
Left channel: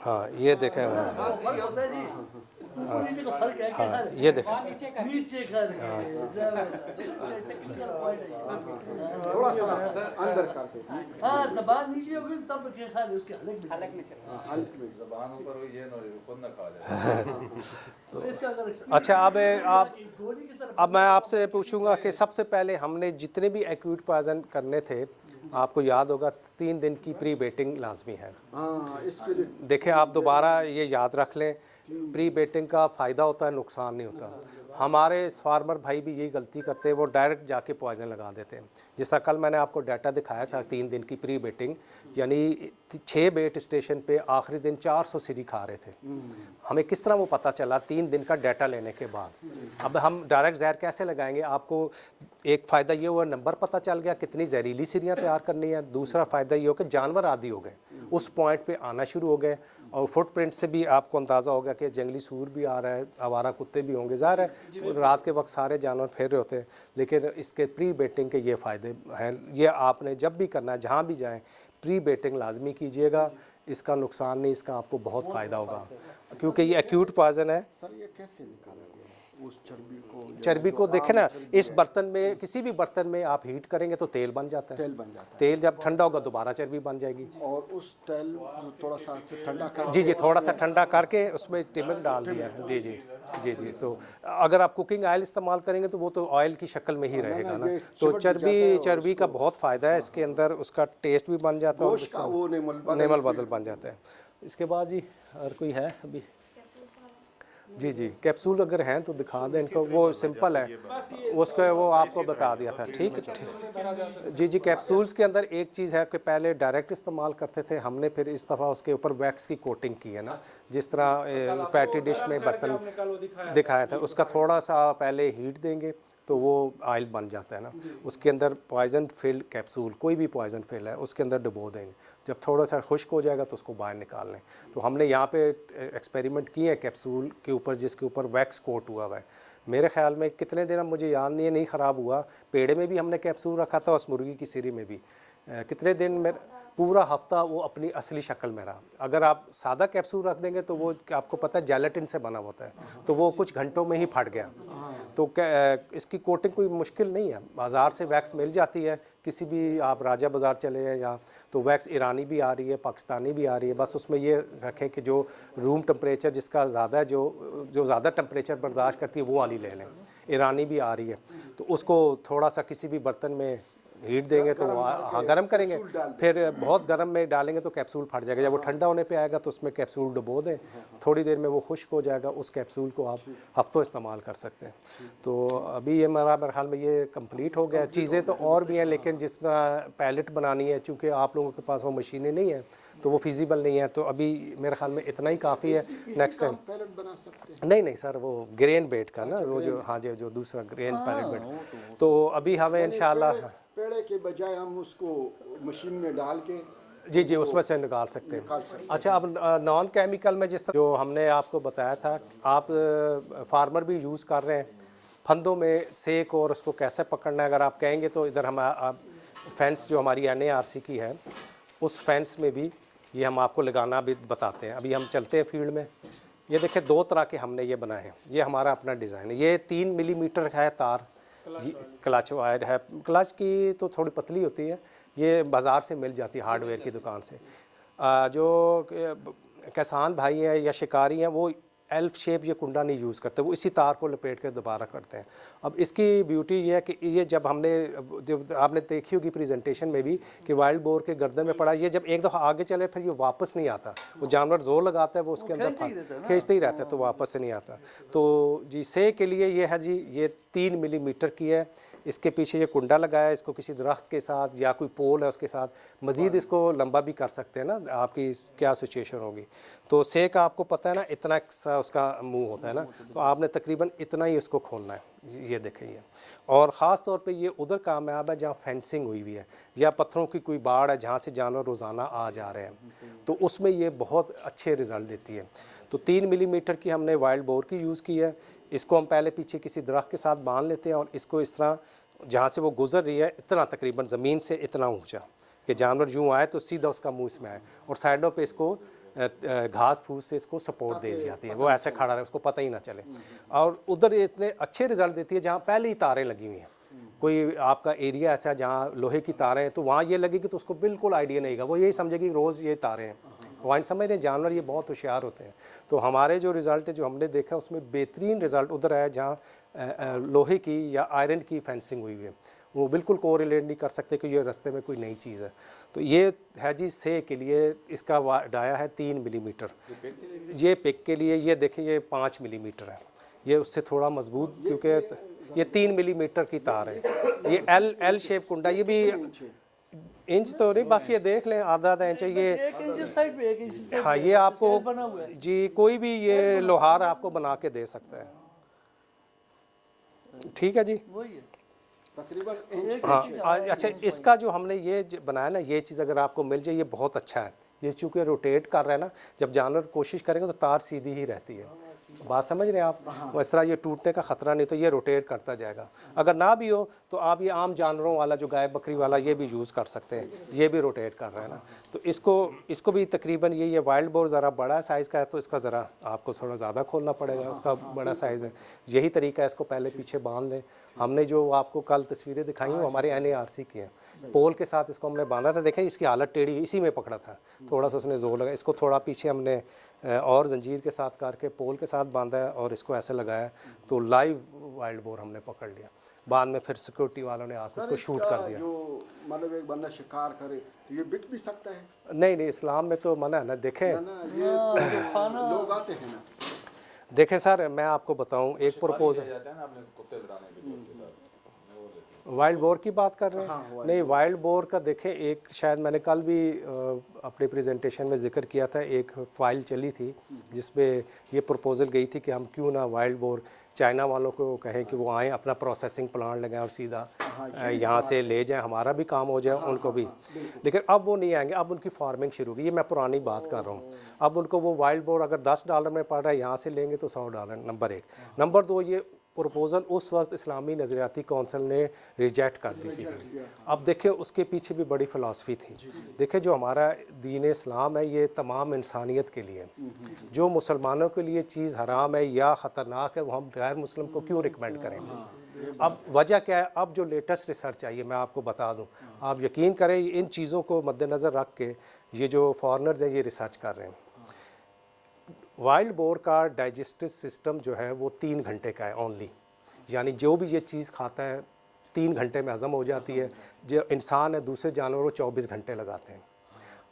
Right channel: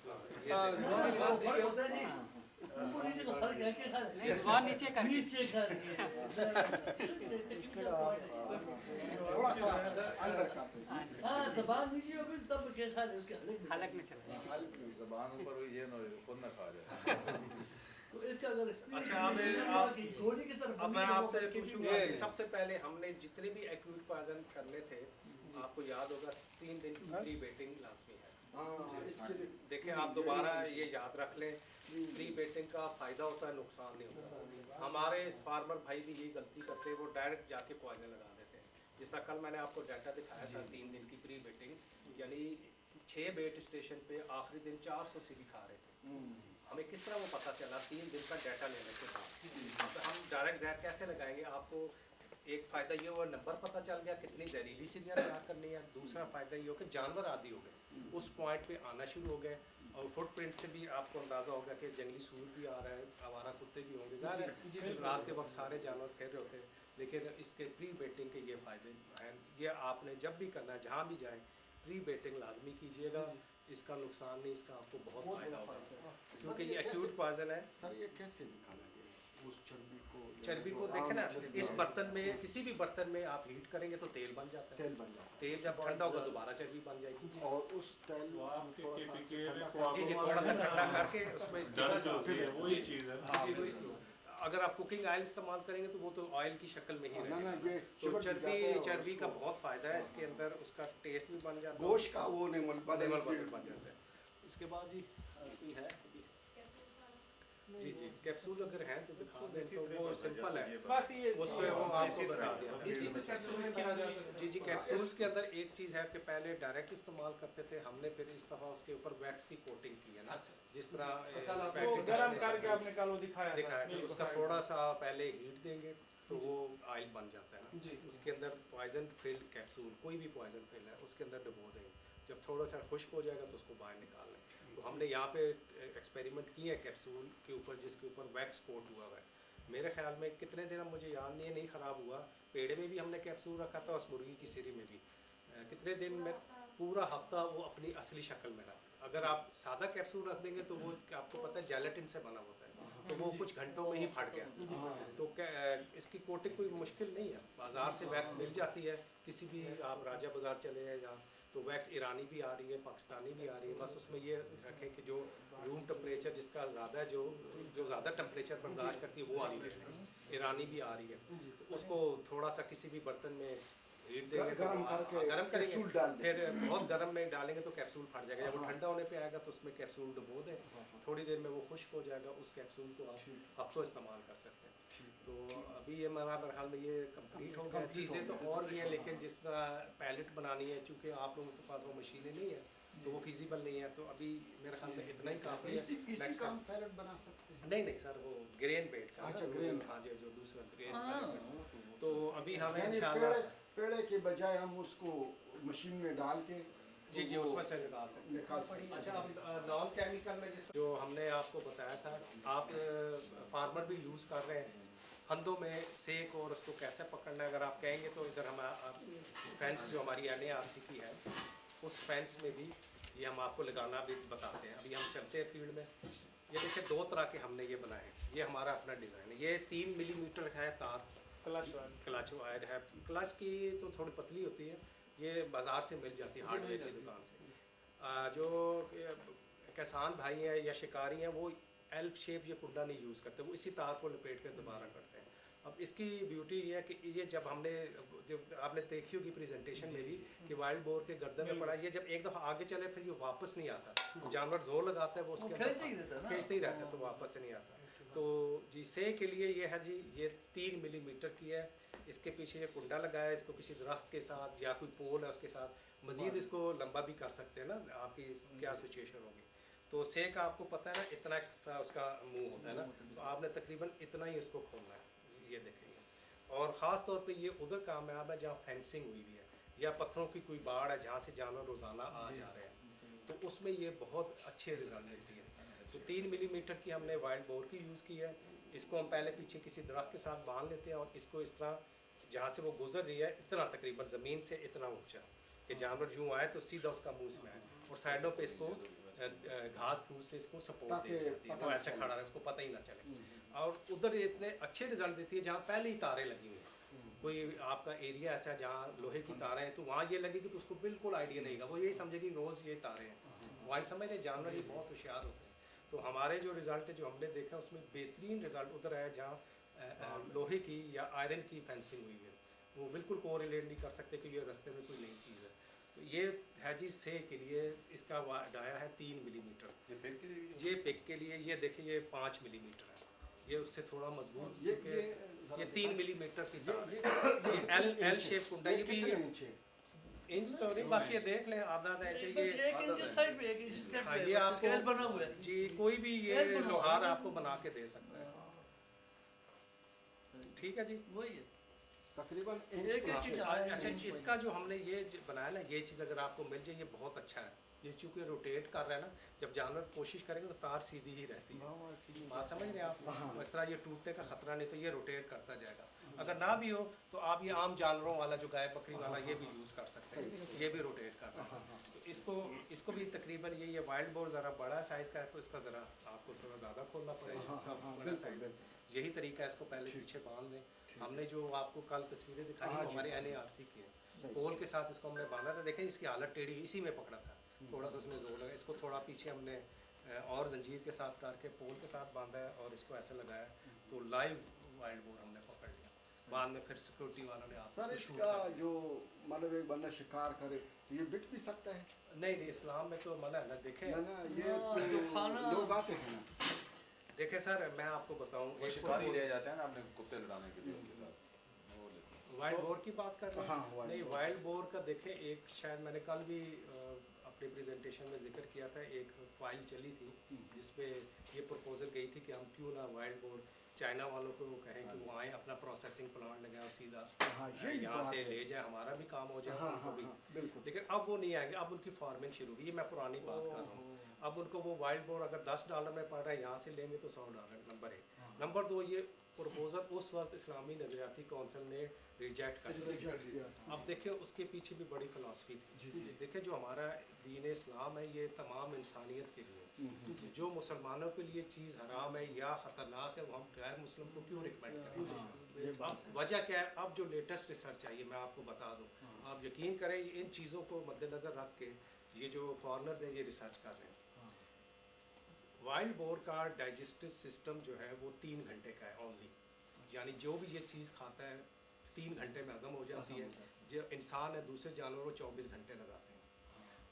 हाँ, ये देखें, हाँ, ये देखें, थोड़ा सा अंदर करके जबान ऊपर हुई ये ना खुद ना खा जाए। अच्छा, अब मैं आपसे पूछूंगा कि सबसे पहले हमने जितने भी एक्यूट पॉइजन करने थे, आपको याद होगा 3 दिन की प्री बेटिंग लाजमी है। हाँ, इसके लिए देखें, आप दोबारा ये याद रख लें, प्री बेटिंग का फ़ायदा होता है, नुकसान नहीं होता। हमारे फार्मर भाई भी यही गलती करते हैं, वो डायरेक्ट जाके पॉइजन लगा देते हैं। जिस तरह कल मैंने आपको डाटा दिखाया था 3 दिन की प्री बेटिंग, यानी 6 बेट स्टेशन पे आखिरी दिन 400 सीरी खा रहे थे। हमें किस तरह वो पता चला 3 दिन का डाटा लेने के बाद। अब हम डायरेक्ट जहर कैसे लगाएंगे? आपको एक फ़ायदा ये हुआ, नंबर पता चल गया कितनी जहरीली सीरियाँ तैयार करनी है। दूसरा फ़ायदा ये हो कि जानवर आदी हो गए, उस पॉइंट पे आना शुरू हो गए, और फुटप्रिंट से भी आपको अंदाज़ा होगा कि जंगली सूर भी आ रहा है, आवारा कुत्ते भी होंगे। ज़ाहिर है रात के वक्त सारे जानवर फिर रहे होते हैं, लेकिन इसके प्री बेटिंग के ये फ़ायदे हैं। ये आपने जब भी करना है, जहाँ भी जाएँ, प्री बेटिंग लाजमी कीजिएगा। इसका नुकसान नहीं, इसका आपको बहुत फ़ायदा होगा, क्योंकि ये एक्यूट पॉइजन है। सर ये कैसे निकाला जाए उस चर्बी को देखें ना, इस बर्तन में, किसी भी बर्तन में आप हीट करेंगे तो तेल बन जाता है। तेल बन जाता है, तेल जब ठंडा होगा दोबारा चर्बी बन जाएगी। और उस तेल थोड़ा सा ठंडा कर, जी जी, थोड़ा सा ठंडा करके उसमें टिमक डाल दिया। जी जी जी जी। तो अगर आप कुकिंग ऑयल इस्तेमाल करेंगे तो वो तो ऑयल की शक्ल में ही रहेगा ना। तो चर्बी का बहुत फ़ायदा है इसके अंदर, उसका टेस्ट भी बन जाता है और गोश्त का वो नेमल बदल बन जाता है। इसके बाद जी और कोई है अभी? जी जी, कैप्सूल अगर हैं तो दिखा दें इनको, वो सिंपल है, उसका वो आपको बता दिया था। ठीक है जी जी। कैप्सूल्स के अंदर एक चीज़ है कि पहले डायरेक्ट इस्तेमाल करते थे हमने, फिर इस दफ़ा उसके ऊपर वैक्स की कोटिंग की है ना, जिस तरह पैटी डिश में बर्तन दिखाया था, उसका थोड़ा सा पहले हीट देंगे तो वो ऑयल बन जाता है ना। उसके अंदर पॉइजन फिल्ड कैप्सूल, कोई भी पॉइजन फिल है, उसके अंदर डुबो देंगे। जब थोड़ा सा खुश्क हो जाएगा तो उसको बाहर निकाल लें। तो हमने यहाँ पे एक्सपेरिमेंट किए हैं कैप्सूल के ऊपर, जिसके ऊपर वैक्स कोट हुआ हुआ है। मेरे ख्याल में कितने दिन, मुझे याद नहीं ख़राब हुआ। पेड़े में भी हमने कैप्सूल रखा था, उस मुर्गी की सिरी में भी कितने दिन में, पूरा हफ्ता वो अपनी असली शक्ल में रहा। अगर आप सादा कैप्सूल रख देंगे तो वो आपको पता है जेलेटिन से बना होता है, तो वो कुछ घंटों में ही फट गया। तो इसकी कोटिंग कोई मुश्किल नहीं है, बाज़ार से वैक्स मिल जाती है। किसी भी आप राजा बाज़ार चले हैं या तो वैक्स ईरानी भी आ रही है, पाकिस्तानी भी आ रही है। बस उसमें ये रखें कि जो रूम टेम्परेचर जिसका ज़्यादा है, जो ज़्यादा टेम्परेचर बर्दाश्त करती है वो वाली ले लें। ईरानी भी आ रही है, तो उसको थोड़ा सा किसी भी बर्तन में हीट देंगे तो हाँ गर्म करेंगे, फिर बहुत गर्म में डालेंगे तो कैप्सूल फट जाएगा। जब वो ठंडा होने पे आएगा तो उसमें कैप्सूल डुबो दें, थोड़ी देर में वो खुश्क हो जाएगा। उस कैप्सूल को आप हफ्तों इस्तेमाल कर सकते हैं। तो अभी ये मेरे ख्याल में ये कंप्लीट हो गया। चीज़ें तो और भी हैं, लेकिन जिस तरह पैलेट बनानी है, चूँकि आप लोगों के पास वो मशीनें नहीं हैं तो वो फिजिबल नहीं है। तो अभी मेरे ख्याल में इतना ही काफ़ी है। नेक्स्ट टाइम बना सकते हैं। नहीं सर, वो ग्रेन बेड का ना, वो जो हाँ जी, जो दूसरा ग्रेन पैलेट बेड, तो अभी हमें इंशाल्लाह पेड़े के बजाय हम उसको मशीन में डाल के जी जी उसमें से निकाल सकते हैं। अच्छा, अब नॉन केमिकल में जिस तरह जो हमने आपको बताया था, आप फार्मर भी यूज़ कर रहे हैं फंदों में सेक, और उसको कैसे पकड़ना है अगर आप कहेंगे तो इधर हम फेंस जो हमारी NARC की है, उस फेंस में भी ये हम आपको लगाना भी बताते हैं। अभी हम चलते हैं फील्ड में। ये देखिए 2 तरह के हमने ये बनाए हैं, ये हमारा अपना डिज़ाइन है। ये 3 मिलीमीटर है तार, क्लच वायर है। क्लच की तो थोड़ी पतली होती है, ये बाज़ार से मिल जाती है हार्डवेयर की दुकान से। जो किसान भाई हैं या शिकारी हैं वो एल्फ शेप ये कुंडा नहीं यूज़ करते, वो इसी तार को लपेट के दोबारा करते हैं। अब इसकी ब्यूटी ये है कि ये जब आपने देखी होगी प्रेजेंटेशन में भी कि वाइल्ड बोर के गर्दन में पड़ा, ये जब एक दफ़ा आगे चले फिर ये वापस नहीं आता। वो जानवर जोर लगाता है, वो उसके अंदर खींचते ही रहता है, तो वापस से नहीं आता। तो जी से के लिए ये है जी, ये 3 मिलीमीटर की है। इसके पीछे ये कुंडा लगाया है, इसको किसी दरख्त के साथ या कोई पोल है उसके साथ मज़ीद इसको लंबा भी कर सकते हैं ना, आपकी क्या सिचुएशन होगी। तो से का आपको पता है ना, इतना सा उसका मुंह होता है ना, तो आपने तकरीबन इतना ही इसको खोलना है। ये देखें ये, और ख़ास तौर पे ये उधर कामयाब है जहाँ फेंसिंग हुई हुई है या पत्थरों की कोई बाड़ है जहाँ से जानवर रोज़ाना आ जा रहे हैं, तो उसमें ये बहुत अच्छे रिज़ल्ट देती है। तो 3 मिलीमीटर की हमने वाइल्ड बोर की यूज़ की है। इसको हम पहले पीछे किसी दरख्त के साथ बांध लेते हैं और इसको इस तरह जहाँ से वो गुजर रही है इतना तकरीबन ज़मीन से इतना ऊंचा कि जानवर यूँ आए तो सीधा उसका मुंह इसमें आए, और साइडों पे इसको घास फूस से इसको सपोर्ट दे दी जाती है, वो ऐसे खड़ा रहे, उसको पता ही ना चले। और उधर इतने अच्छे रिज़ल्ट देती है जहाँ पहले ही तारें लगी हुई हैं। कोई आपका एरिया ऐसा जहाँ लोहे की तारें हैं तो वहाँ ये लगेगी तो उसको बिल्कुल आइडिया नहीं होगा, वो यही समझेगी रोज़ ये तारें हैं। वाइन समझ रहे, जानवर ये बहुत होशियार होते हैं। तो हमारे जो रिज़ल्ट है जो हमने देखा उसमें बेहतरीन रिज़ल्ट उधर आया जहाँ लोहे की या आयरन की फेंसिंग हुई है, वो बिल्कुल कोरिलेट नहीं कर सकते कि ये रास्ते में कोई नई चीज़ है। तो ये है जी से के लिए, इसका डाया है 3 मिलीमीटर। ये पिक के लिए ये देखिए ये 5 मिलीमीटर है। ये उससे थोड़ा मजबूत, क्योंकि ये 3 मिलीमीटर की तार है। ये एल शेप कुंडा, ये भी इंच तो नहीं, बस ये देख लें आधा इंच है ये। 1 इंच साइड पे 1 इंच से हाँ, ये आपको स्केल बना हुआ है। जी कोई भी ये लोहार आपको बना के दे सकता है। ठीक है जी। वही है। तकरीबन हाँ अच्छा, इसका जो हमने ये बनाया ना, ये चीज़ अगर आपको मिल जाए ये बहुत अच्छा है। ये चूँकि रोटेट कर रहा है ना, जब जानवर कोशिश करेंगे तो तार सीधी ही रहती है। बात समझ रहे हैं आप? इस तरह ये टूटने का ख़तरा नहीं, तो ये रोटेट करता जाएगा। अगर ना भी हो तो आप ये आम जानवरों वाला जो गाय बकरी वाला ये भी यूज़ कर सकते हैं, ये भी रोटेट कर रहा है ना। तो इसको भी तकरीबन ये वाइल्ड बोर ज़रा बड़ा साइज़ का है, तो इसका ज़रा आपको थोड़ा ज़्यादा खोलना पड़ेगा, उसका बड़ा साइज़ है। यही तरीका है, इसको पहले पीछे बांध दें। हमने जो आपको कल तस्वीरें दिखाई वो हमारे NARC की हैं। पोल के साथ इसको हमने बांधा था, देखें इसकी हालत टेढ़ी, इसी में पकड़ा था, थोड़ा सा उसने जोर लगा। इसको थोड़ा पीछे हमने और जंजीर के साथ करके पोल के साथ बांधा है और इसको ऐसे लगाया, तो लाइव वाइल्ड बोर हमने पकड़ लिया। बाद में फिर सिक्योरिटी वालों ने आकर उसको शूट कर दिया। जो मतलब एक बंदा शिकार करे तो ये बिक भी सकता है नहीं, इस्लाम में तो मना है ना। देखें ना, ये लोग आते हैं ना। देखें सर, मैं आपको बताऊं एक प्रपोजल, जाता है ना आपने कुत्ते लड़ाने के लिए उसके साथ, वाइल्ड बोर की बात कर रहे हैं? नहीं, वाइल्ड बोर का देखें, एक शायद मैंने कल भी अपने प्रेजेंटेशन में जिक्र किया था, एक फ़ाइल चली थी जिसमें ये प्रपोज़ल गई थी कि हम क्यों ना वाइल्ड बोर चाइना वालों को कहें कि वो आएँ, अपना प्रोसेसिंग प्लांट लगाएं और सीधा यहाँ से ले जाएं, हमारा भी काम हो जाए, उनको भी। लेकिन अब वो नहीं आएंगे, अब उनकी फार्मिंग शुरू होगी। ये मैं पुरानी बात कर रहा हूँ। अब उनको वो वाइल्ड बोर अगर $10 में पड़ रहा है, यहाँ से लेंगे तो $100, नंबर 1। नंबर 2, ये प्रपोज़ल उस वक्त इस्लामी नज़रियाती कौंसिल ने रिजेक्ट कर दी थी। अब देखिए उसके पीछे भी बड़ी फ़िलासफ़ी थी। देखिए जो हमारा दीन इस्लाम है ये तमाम इंसानियत के लिए, जो मुसलमानों के लिए चीज़ हराम है या ख़तरनाक है वो हम गैर मुस्लिम को क्यों रिकमेंड करेंगे? अब वजह क्या है? अब जो लेटेस्ट रिसर्च आई है मैं आपको बता दूं, आप यकीन करें इन चीज़ों को मद्देनज़र रख के ये जो फॉरेनर्स हैं ये रिसर्च कर रहे हैं। वाइल्ड बोर का डाइजेस्टिव सिस्टम जो है वो 3 घंटे का है ओनली, यानी जो भी ये चीज़ खाता है 3 घंटे में हज़म हो जाती है। जो इंसान है दूसरे जानवरों 24 घंटे लगाते हैं।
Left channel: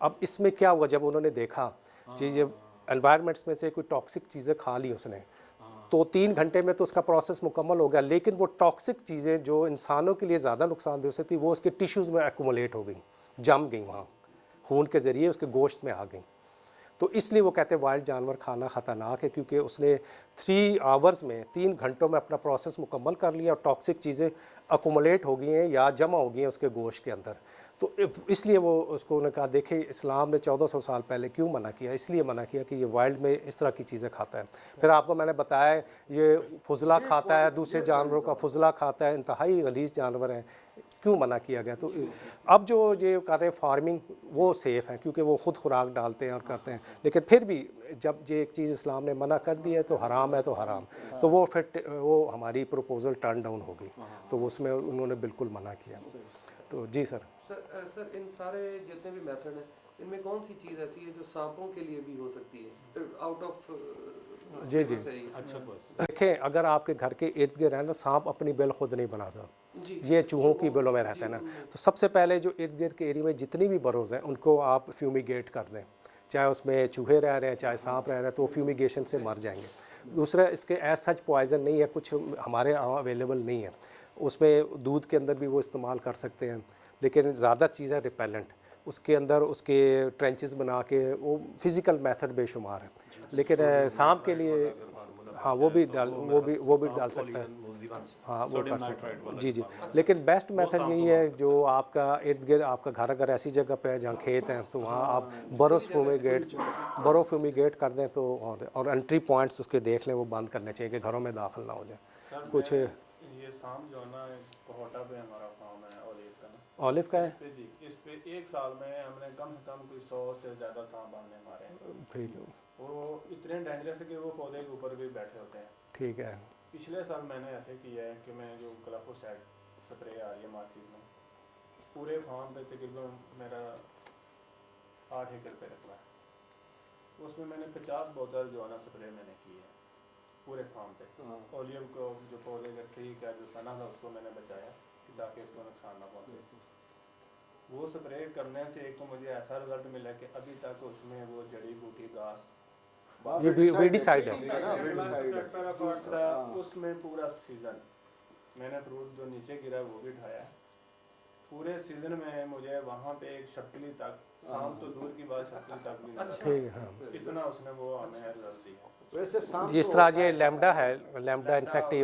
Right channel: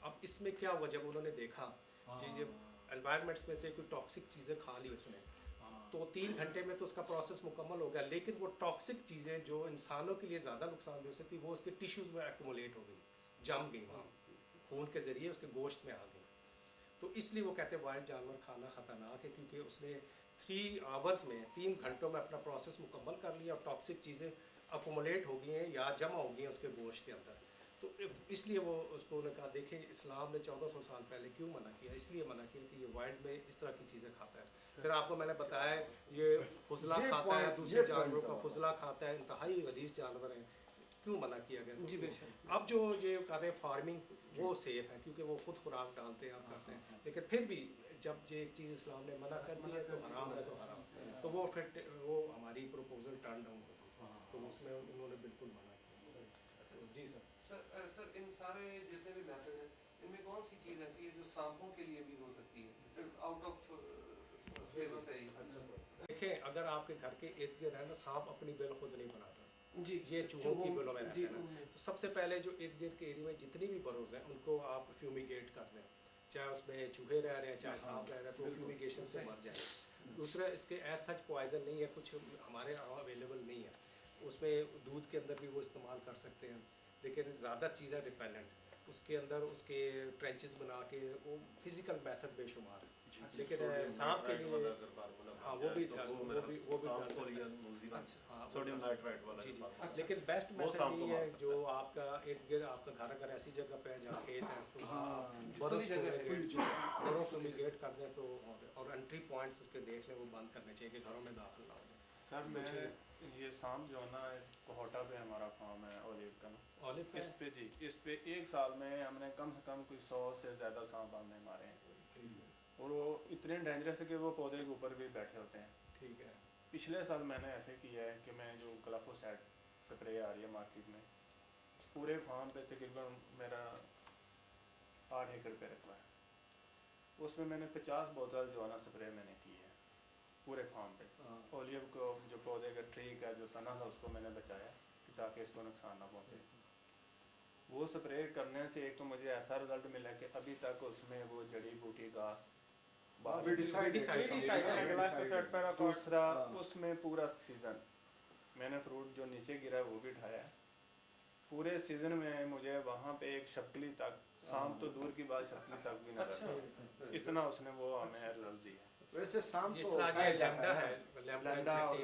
अब इसमें क्या हुआ, जब उन्होंने देखा कि ये एनवायरनमेंट्स में से कोई टॉक्सिक चीज़ें खा ली उसने, तो 3 घंटे में तो उसका प्रोसेस मुकम्मल हो गया, लेकिन वो टॉक्सिक चीज़ें जो इंसानों के लिए ज़्यादा नुकसानदेह हो सकती वो उसके टिश्यूज़ में एक्यूमुलेट हो गई, जम गई, वहाँ खून के ज़रिए उसके गोश्त में आ गई। तो इसलिए वो कहते हैं वाइल्ड जानवर खाना ख़तरनाक है, क्योंकि उसने 3 आवर्स में 3 घंटों में अपना प्रोसेस मुकम्मल कर लिया और टॉक्सिक चीज़ें अकुमुलेट हो गई हैं या जमा हो गई हैं उसके गोश्त के अंदर। तो इसलिए वो उसको उन्होंने कहा, देखे इस्लाम ने 1400 साल पहले क्यों मना किया? इसलिए मना किया कि ये वाइल्ड में इस तरह की चीज़ें खाता है। फिर आपको मैंने बताया ये फुजला खाता है, दूसरे जानवरों का फुजला खाता है, इंतहाई गलीज़ जानवर हैं, क्यों मना किया गया? तो अब जो ये कर रहे हैं फार्मिंग वो सेफ़ है क्योंकि वो ख़ुद खुराक डालते हैं और करते हैं, लेकिन फिर भी जब ये एक चीज़ इस्लाम ने मना कर दी है तो हराम है तो हराम, तो वो फिर वो हमारी प्रपोज़ल टर्न डाउन हो गई, तो उसमें उन्होंने बिल्कुल मना किया। तो जी सर। सर इन सारे जितने भी मेथड हैं इनमें कौन सी चीज़ ऐसी है जो सांपों के लिए भी हो सकती है आउट ऑफ? जी देखें, अगर आपके घर के इर्द गिर्द है ना, सांप अपनी बिल खुद नहीं बनाता, ये चूहों की बिलों में रहता है ना। तो सबसे पहले जो इर्द गिर्द के एरिया में जितनी भी बरोज़ हैं उनको आप फ्यूमिगेट कर दें, चाहे उसमें चूहे रह रहे हैं चाहे सांप रह रहे हैं, तो फ्यूमिगेशन से मर जाएंगे। दूसरा, इसके एज सच पॉइज़न नहीं है, कुछ हमारे अवेलेबल नहीं है, उसमें दूध के अंदर भी वो इस्तेमाल कर सकते हैं, लेकिन ज़्यादा चीज़ है रिपेलेंट, उसके अंदर उसके ट्रेंचेस बना के वो फ़िज़िकल मेथड बेशुमार है। लेकिन सांप के लिए हाँ वो भी डाल सकता है, हाँ वो कर सकता है। जी लेकिन बेस्ट मेथड यही है जो आपका इर्द गिर्द आपका घर अगर ऐसी जगह पे है जहाँ खेत हैं तो वहाँ आप बरो फ्यूमिगेट कर दें तो, और एंट्री पॉइंट्स उसके देख लें, वो बंद करने चाहिए कि घरों में दाखिल ना हो जाए कुछ। ये सांप जो है ना कोहटा पे हमारा फार्म है ऑलिव का है इस पे 1 साल में हमने कम से कम कोई 100 से ज़्यादा सांप हमने मारे। ठीक है, और वो इतने डेंजरस है कि वो पौधे के ऊपर भी बैठे होते हैं। ठीक है। पिछले साल मैंने ऐसे किया है कि मैं जो ग्लाइफोसाइड स्प्रे आ रही है मार्केट में, पूरे फार्म पे तकरीबन मेरा 8 एकड़ पे रखा है, उसमें मैंने 50 बोतल जो है ना स्प्रे मैंने की है पूरे फार्म पे। ओलिव को जो पौधे का ट्री का जो तना था उसको मैंने बचाया कि ताकि इसको नुकसान ना पहुँचे। वो स्प्रे करने से एक तो मुझे ऐसा रिजल्ट मिला कि अभी तक उसमें वो जड़ी बूटी घास ये वीडी साइड है। दूसरा उसमें पूरा सीजन मैंने फ्रूट जो नीचे गिरा वो भी उठाया। पूरे सीजन में मुझे वहाँ पे एक शक्ली तक, शाम तो दूर की बात, शक्ली तक भी नहीं ठीक है, हाँ। इतना उसने वो हमें रिजल्ट दिया। वैसे शाम जिस तरह ये लैम्डा है, लैम्डा इंसेक्ट,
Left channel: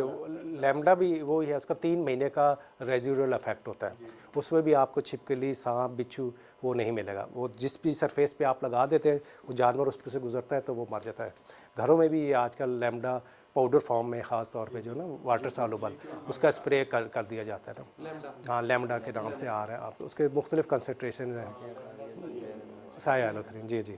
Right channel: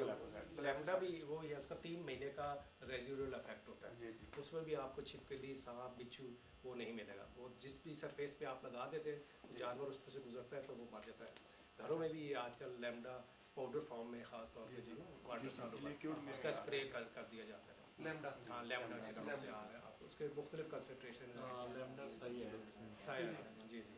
लैम्डा भी वो ही है, उसका 3 महीने का रेजिडुअल इफेक्ट होता है। उसमें भी आपको छिपकली, सांप, बिच्छू वो नहीं मिलेगा। वो जिस भी सरफेस पे आप लगा देते हैं वो जानवर उस पर से गुजरता है तो वो मर जाता है। घरों में भी ये आजकल लैम्डा पाउडर फॉर्म में ख़ास तौर पे जो ना वाटर सॉल्युबल उसका स्प्रे कर दिया जाता है ना। हाँ, लैम्डा के नाम से आ रहा है। आप उसके मुख्तलिफ कंसनट्रेशन हैं। साइलोथ्रिन, जी जी,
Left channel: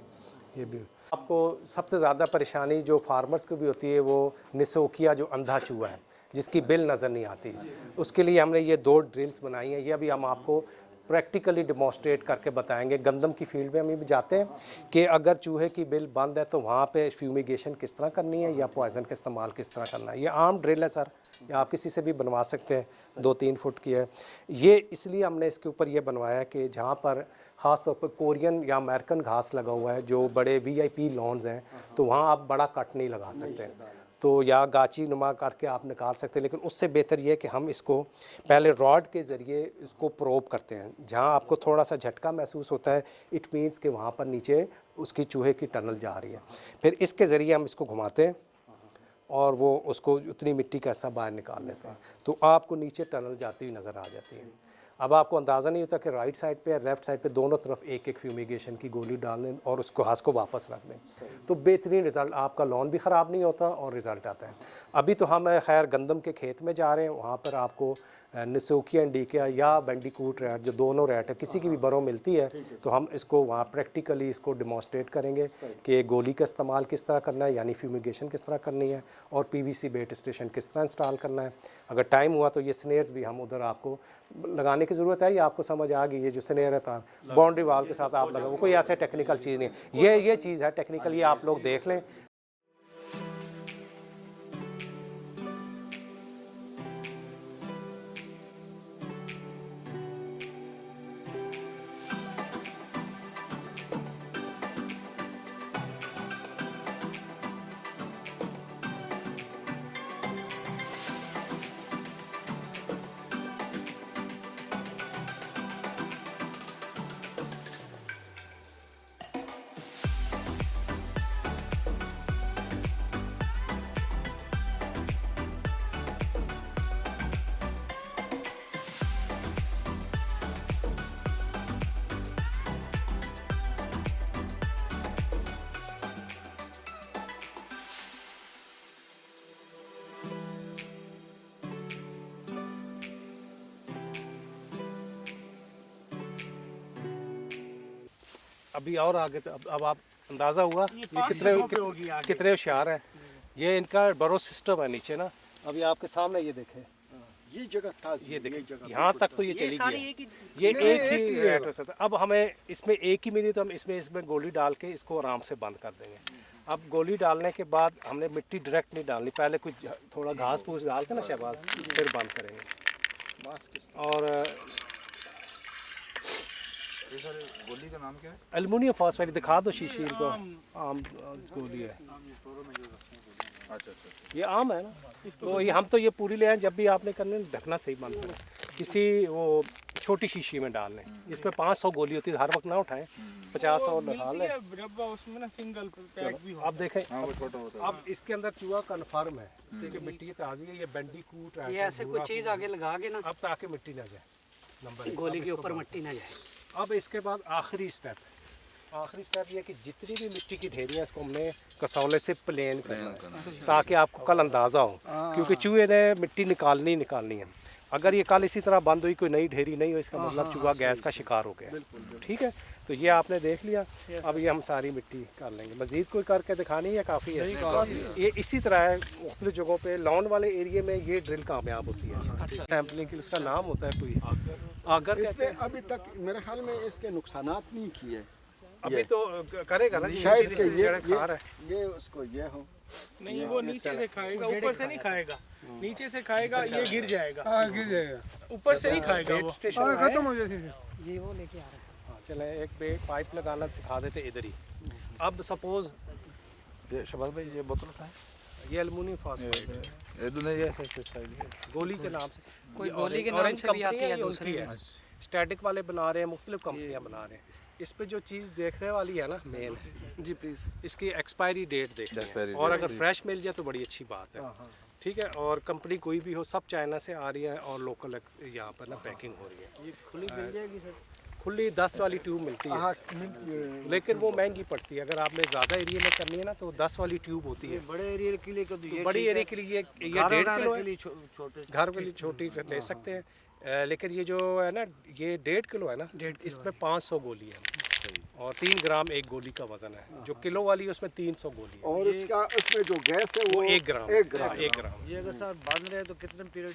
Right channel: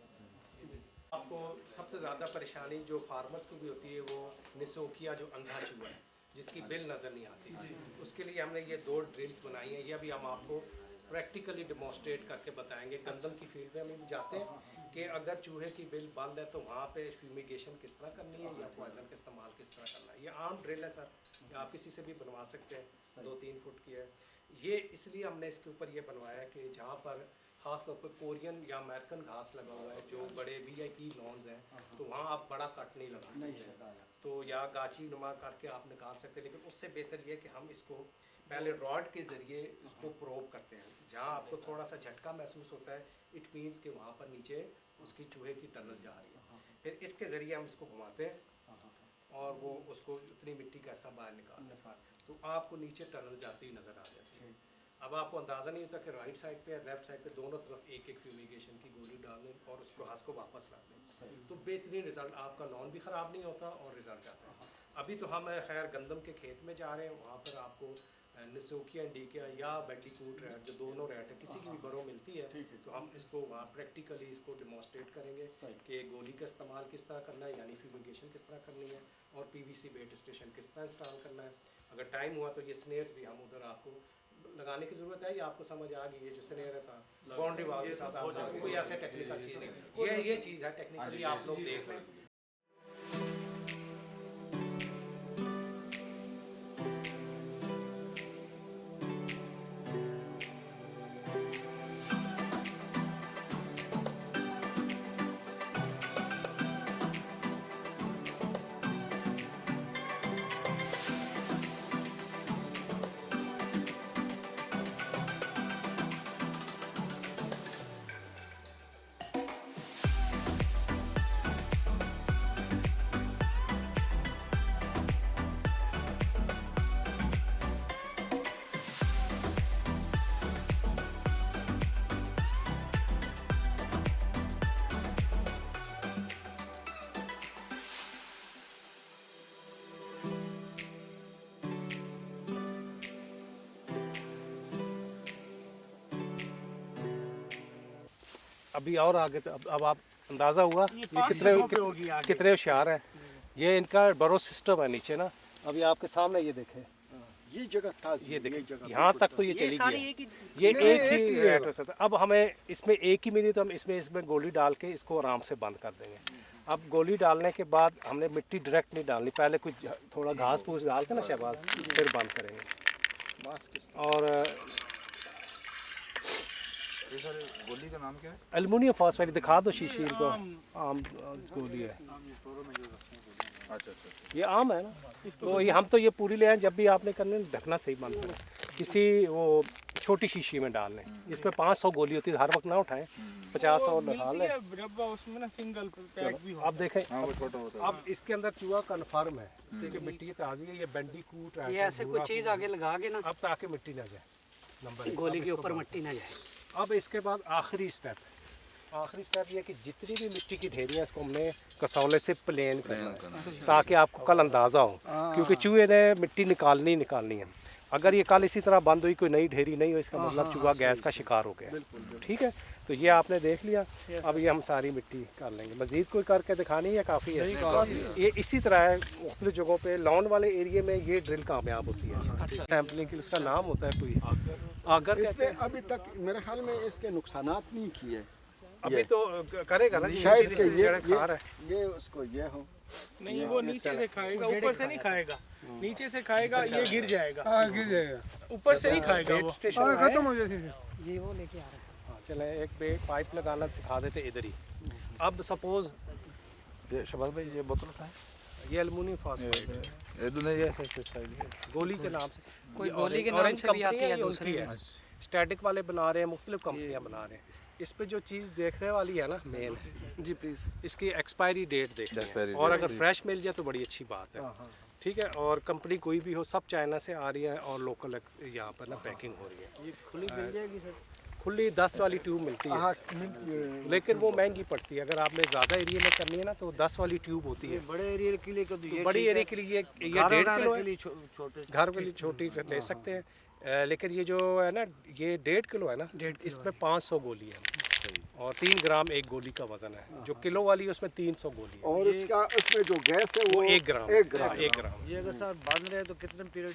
ये भी। आपको सबसे ज़्यादा परेशानी जो फार्मर्स को भी होती है वो निसोकिया, जो अंधा चूहा है जिसकी बिल नज़र नहीं आती। उसके लिए हमने ये 2 ड्रिल्स बनाई हैं। ये अभी हम आपको प्रैक्टिकली डिमॉन्स्ट्रेट करके बताएंगे। गंदम की फील्ड में हम भी जाते हैं कि अगर चूहे की बिल बंद है तो वहाँ पे फ्यूमिगेशन किस तरह करनी है या पॉइज़न का इस्तेमाल किस तरह करना है। ये आम ड्रिल है सर, ये आप किसी से भी बनवा सकते हैं, 2-3 फुट की है। ये इसलिए हमने इसके ऊपर ये बनवाया कि जहाँ पर ख़ास तौर पर कोरियन या अमेरिकन घास लगा हुआ है, जो बड़े VIP लॉन्स हैं, तो वहाँ आप बड़ा कट नहीं लगा सकते, तो या गाची नुमा करके आप निकाल सकते हैं। लेकिन उससे बेहतर ये है कि हम इसको पहले रॉड के ज़रिए इसको प्रोब करते हैं। जहाँ आपको थोड़ा सा झटका महसूस होता है, इट मीन्स कि वहाँ पर नीचे उसकी चूहे की टनल जा रही है। फिर इसके ज़रिए हम इसको घुमाते हैं और वो उसको उतनी मिट्टी का हिस्सा बाहर निकाल लेते हैं, तो आपको नीचे टनल जाती हुई नज़र आ जाती है। अब आपको अंदाज़ा नहीं होता कि राइट साइड पे या लेफ़्ट साइड पे दोनों तरफ एक फ्यूमिगेशन की गोली डाल दें और उसको घास को वापस रख दें, तो बेहतरीन रिज़ल्ट, आपका लॉन भी ख़राब नहीं होता और रिज़ल्ट आता है। अभी तो हम खैर गंदम के खेत में जा रहे हैं, वहाँ पर आपको निसोकिया इंडिका या बैंडिकूट रैट, जो दोनों रैट है, किसी की भी बरों मिलती है, तो हम इसको वहाँ प्रैक्टिकली इसको डिमॉन्स्ट्रेट करेंगे कि गोली का इस्तेमाल किस तरह करना है, यानी फ्यूमिगेशन किस तरह करनी है, और PVC बेट स्टेशन किस तरह इंस्टॉल करना है। अगर टाइम हुआ तो ये स्नेयर्स भी हम उधर आपको लगाने की ज़रूरत है। ये आपको समझ आ गई, ये जो स्नेयर है था बाउंड्री वाल के साथ आप लगाओ, कोई ऐसे टेक्निकल चीज़ नहीं है, ये चीज़ है टेक्निकल, ये आप लोग देख लें। अभी और आगे तो अब आप अंदाज़ा हुआ ये कितने होशियार है। ये इनका बरो सिस्टम है नीचे ना, अभी आपके सामने ये देखें, ये जगह ताज़ी, ये देखें यहाँ तक तो ये चली गई, ये एक ही एड्रेस है। अब हमें इसमें एक ही मिली तो हम इसमें गोली डाल के इसको आराम से बंद कर देंगे। अब गोली डालने के बाद हमने मिट्टी डायरेक्ट नहीं डालनी, पहले कुछ थोड़ा घास फूस डाल के ना शहबाज, फिर बंद करेंगे। और गोली का नाम क्या है? एल्युमिनियम फॉस्फेट, दिखा दो शीशी को, आम गोली है। अच्छा, ये आम है ना, तो ये हम तो ये पूरी ले आए, जब भी आपने करने ढकना सही बंद करें, किसी वो छोटी शीशी में डाल लें। इसमें 500 गोली होती है, हर वक्त ना उठाएं, 50-100 लगा लें। उसमें ना सिंगल पैक भी अब देखें, हाँ, वो छोटा होता है। अब इसके अंदर चूहा कन्फर्म है क्योंकि मिट्टी ताज़ी है, ये बैंडिकूट है, ये ऐसे कुछ चीज़ आगे लगा के ना, अब ताकि मिट्टी ना जाए, नंबर गोली के ऊपर मिट्टी ना जाए। अब इसके बाद आखिरी स्टेप ये है कि जितनी भी मिट्टी की ढेरी है इसको हमने कसौले से प्लेन करना है, ताकि आपको कल अंदाज़ा हो, क्योंकि चूहे ने मिट्टी निकालनी है। अगर ये कल इसी तरह बंद हुई, कोई नई ढेरी नहीं हो, इसका मतलब चूहा गैस का शिकार हो गया। ठीक है, तो ये आपने देख लिया। अब ये हम सारी मिट्टी कर लेंगे, मज़ीद कोई करके दिखानी है, काफ़ी है ये। इसी तरह है मुख्तलिफ जगहों पे, लॉन वाले एरिया में ये ड्रिल कामयाब होती है। सैम्पलिंग के उसका नाम होता है कोई आगर, इसने अभी तक मेरे ख्याल में इसके नुकसानात नहीं किए। अभी तो करेगा ना, शायद कि ये उसको ये हो नहीं, वो नीचे से खाएगा, ऊपर से नहीं खाएगा, नीचे से खाएगा, ये गिर जाएगा, ऊपर से नहीं खाएगा वो। स्टेशन खत्म हो जी, वो लेके आ रहा है। चले एक पाइप लगाना सिखा देते इधर ही। अब सपोज ये शबाज भाई ये बोतल कहाँ ये एल्युमिनियम फॉस्फाइड है, है? ये नहीं है ऐसे साइड है। गोली के नाम से। कोई ये गोली के नाम ऑरेंज से भी आती कंपनी है ये दूसरी उसकी में। है। स्टैटिक वाले बना रहे हैं, मुख्तलिफ कंपनियां बना रहे हैं। इस पे जो चीज़ देखने वाली है ना मेन, जी प्लीज़। इसकी एक्सपायरी डेट देखनी Expiry है, और date, अगर फ्रेश मिल जाए तो बड़ी अच्छी बात है। ठीक है, और कंपनी कोई भी हो, सब चाइना से आ रही है और लोकल यहाँ पर ना पैकिंग हो रही है। ये खुली मिल जाएगी सर? खुली 10 वाली ट्यूब मिलती है, लेकिन वो महंगी पड़ती है। अगर आपने ज़्यादा एरिया में करनी है ना तो 10 वाली ट्यूब होती है। बड़े एरिया के लिए कभी तो बड़ी एरिया के लिए ये 1.5 किलो है, छोटे घर के लिए छोटी ले सकते हैं। लेकिन ये जो है ना, ये 1.5 किलो है ना, इसमें 500 गोली है और 3 ग्राम एक गोली का वजन है। जो किलो वाली है उसमें 300 गोली है, और इसका इसमें जो गैस है वो वो 1 ग्राम। 1 ग्राम। 1 ग्राम ये अगर सर बंद रहे तो कितने पीरियड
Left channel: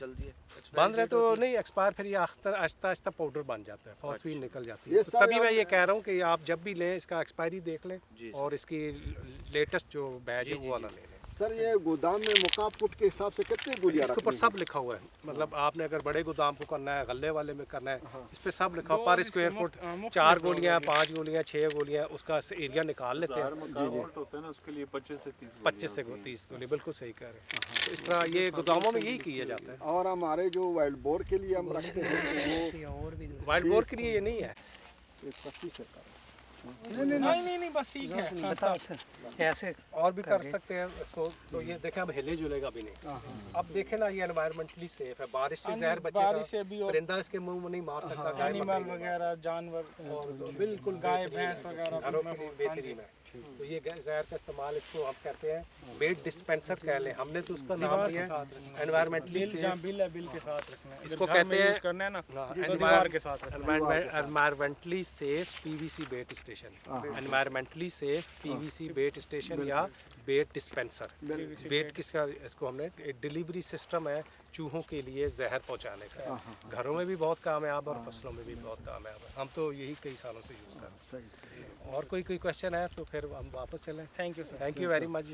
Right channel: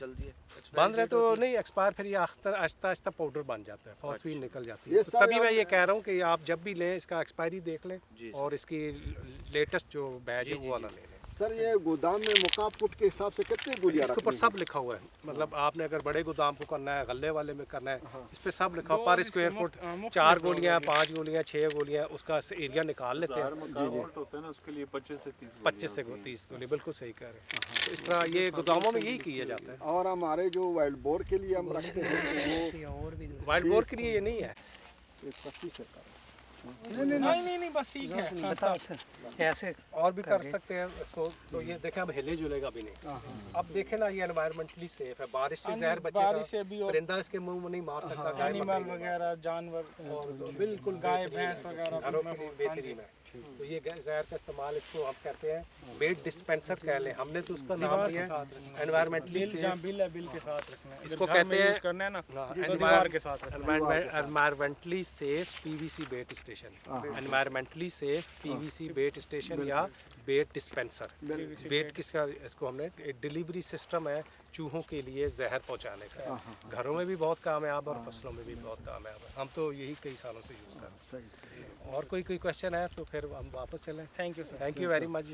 चलती है? बंद रहे तो नहीं एक्सपायर, फिर ये आहिस्ता आहिस्ता पाउडर बन जाता है, फॉस्फीन निकल जाती है। ये तो सारे तभी मैं आप- ये कह रहा हूँ कि आप जब भी लें इसका एक्सपायरी देख लें और इसकी लेटेस्ट जो बैच है वो वाला ले लें। सर ये गोदाम में मुकाब फुट के हिसाब से कितनी गोलियां इसके ऊपर रखनी सब लिखा हुआ है, मतलब आपने अगर बड़े गोदाम को करना है, गले वाले में करना है, इस पे सब लिखा हुआ पर स्क्वायर फुट 4 गोलियां, 5 गोलियां, 6 गोलियां, उसका एरिया निकाल लेते हैं। होता है ना उसके लिए 25 से 30 25 से 30 गोली, बिल्कुल सही कह रहे हैं। तो इस तरह ये गोदामों में यही किया जाता है। और हमारे जो वाइल्ड बोर के लिए हम रखते हैं वो और भी वाइल्ड बोर के लिए ये नहीं है। एक 80 से कर नहीं बस ठीक है। बताओ सर ऐसे और भी कर सकते हैं इसको। तो ये देखें अब हिले जुलेगा भी नहीं। अब देखें ना, ये एनवायरमेंटली सेफ है, बारिश से जहर बचेगा, परिंदा इसके मुंह में नहीं मार सकता, एनिमल वगैरह जानवर, और बिल्कुल गाय भैंस वगैरह घरों के लिए बेहतरीन है। तो ये जहर का इस्तेमाल इसको हम कहते हैं बेड डिस्पेंसर कह लें, हमने तो उसका नाम दिया है एनवायरमेंटली सेफ। बिल के साथ रखना है। इसको कहते हैं करना है ना दीवार के साथ एनवायरमेंटली सेफ पीवीसी बेट स्टेशन, एनवायरमेंटली सेफ पीवीसी बेट स्टेशन या बेट डिस्पेंसर। बेट किसका, इसको हमने एक डिलीवरी सिस्टम है चूहों के लिए जहर पहुंचाने का। घरों में भी बहुत कामयाब और फसलों में भी बहुत कामयाब है। हम तो यही कई सालों से यूज़ कर रहे हैं। और कोई क्वेश्चन है तो फिर हम वापस चलें। Thank you very much.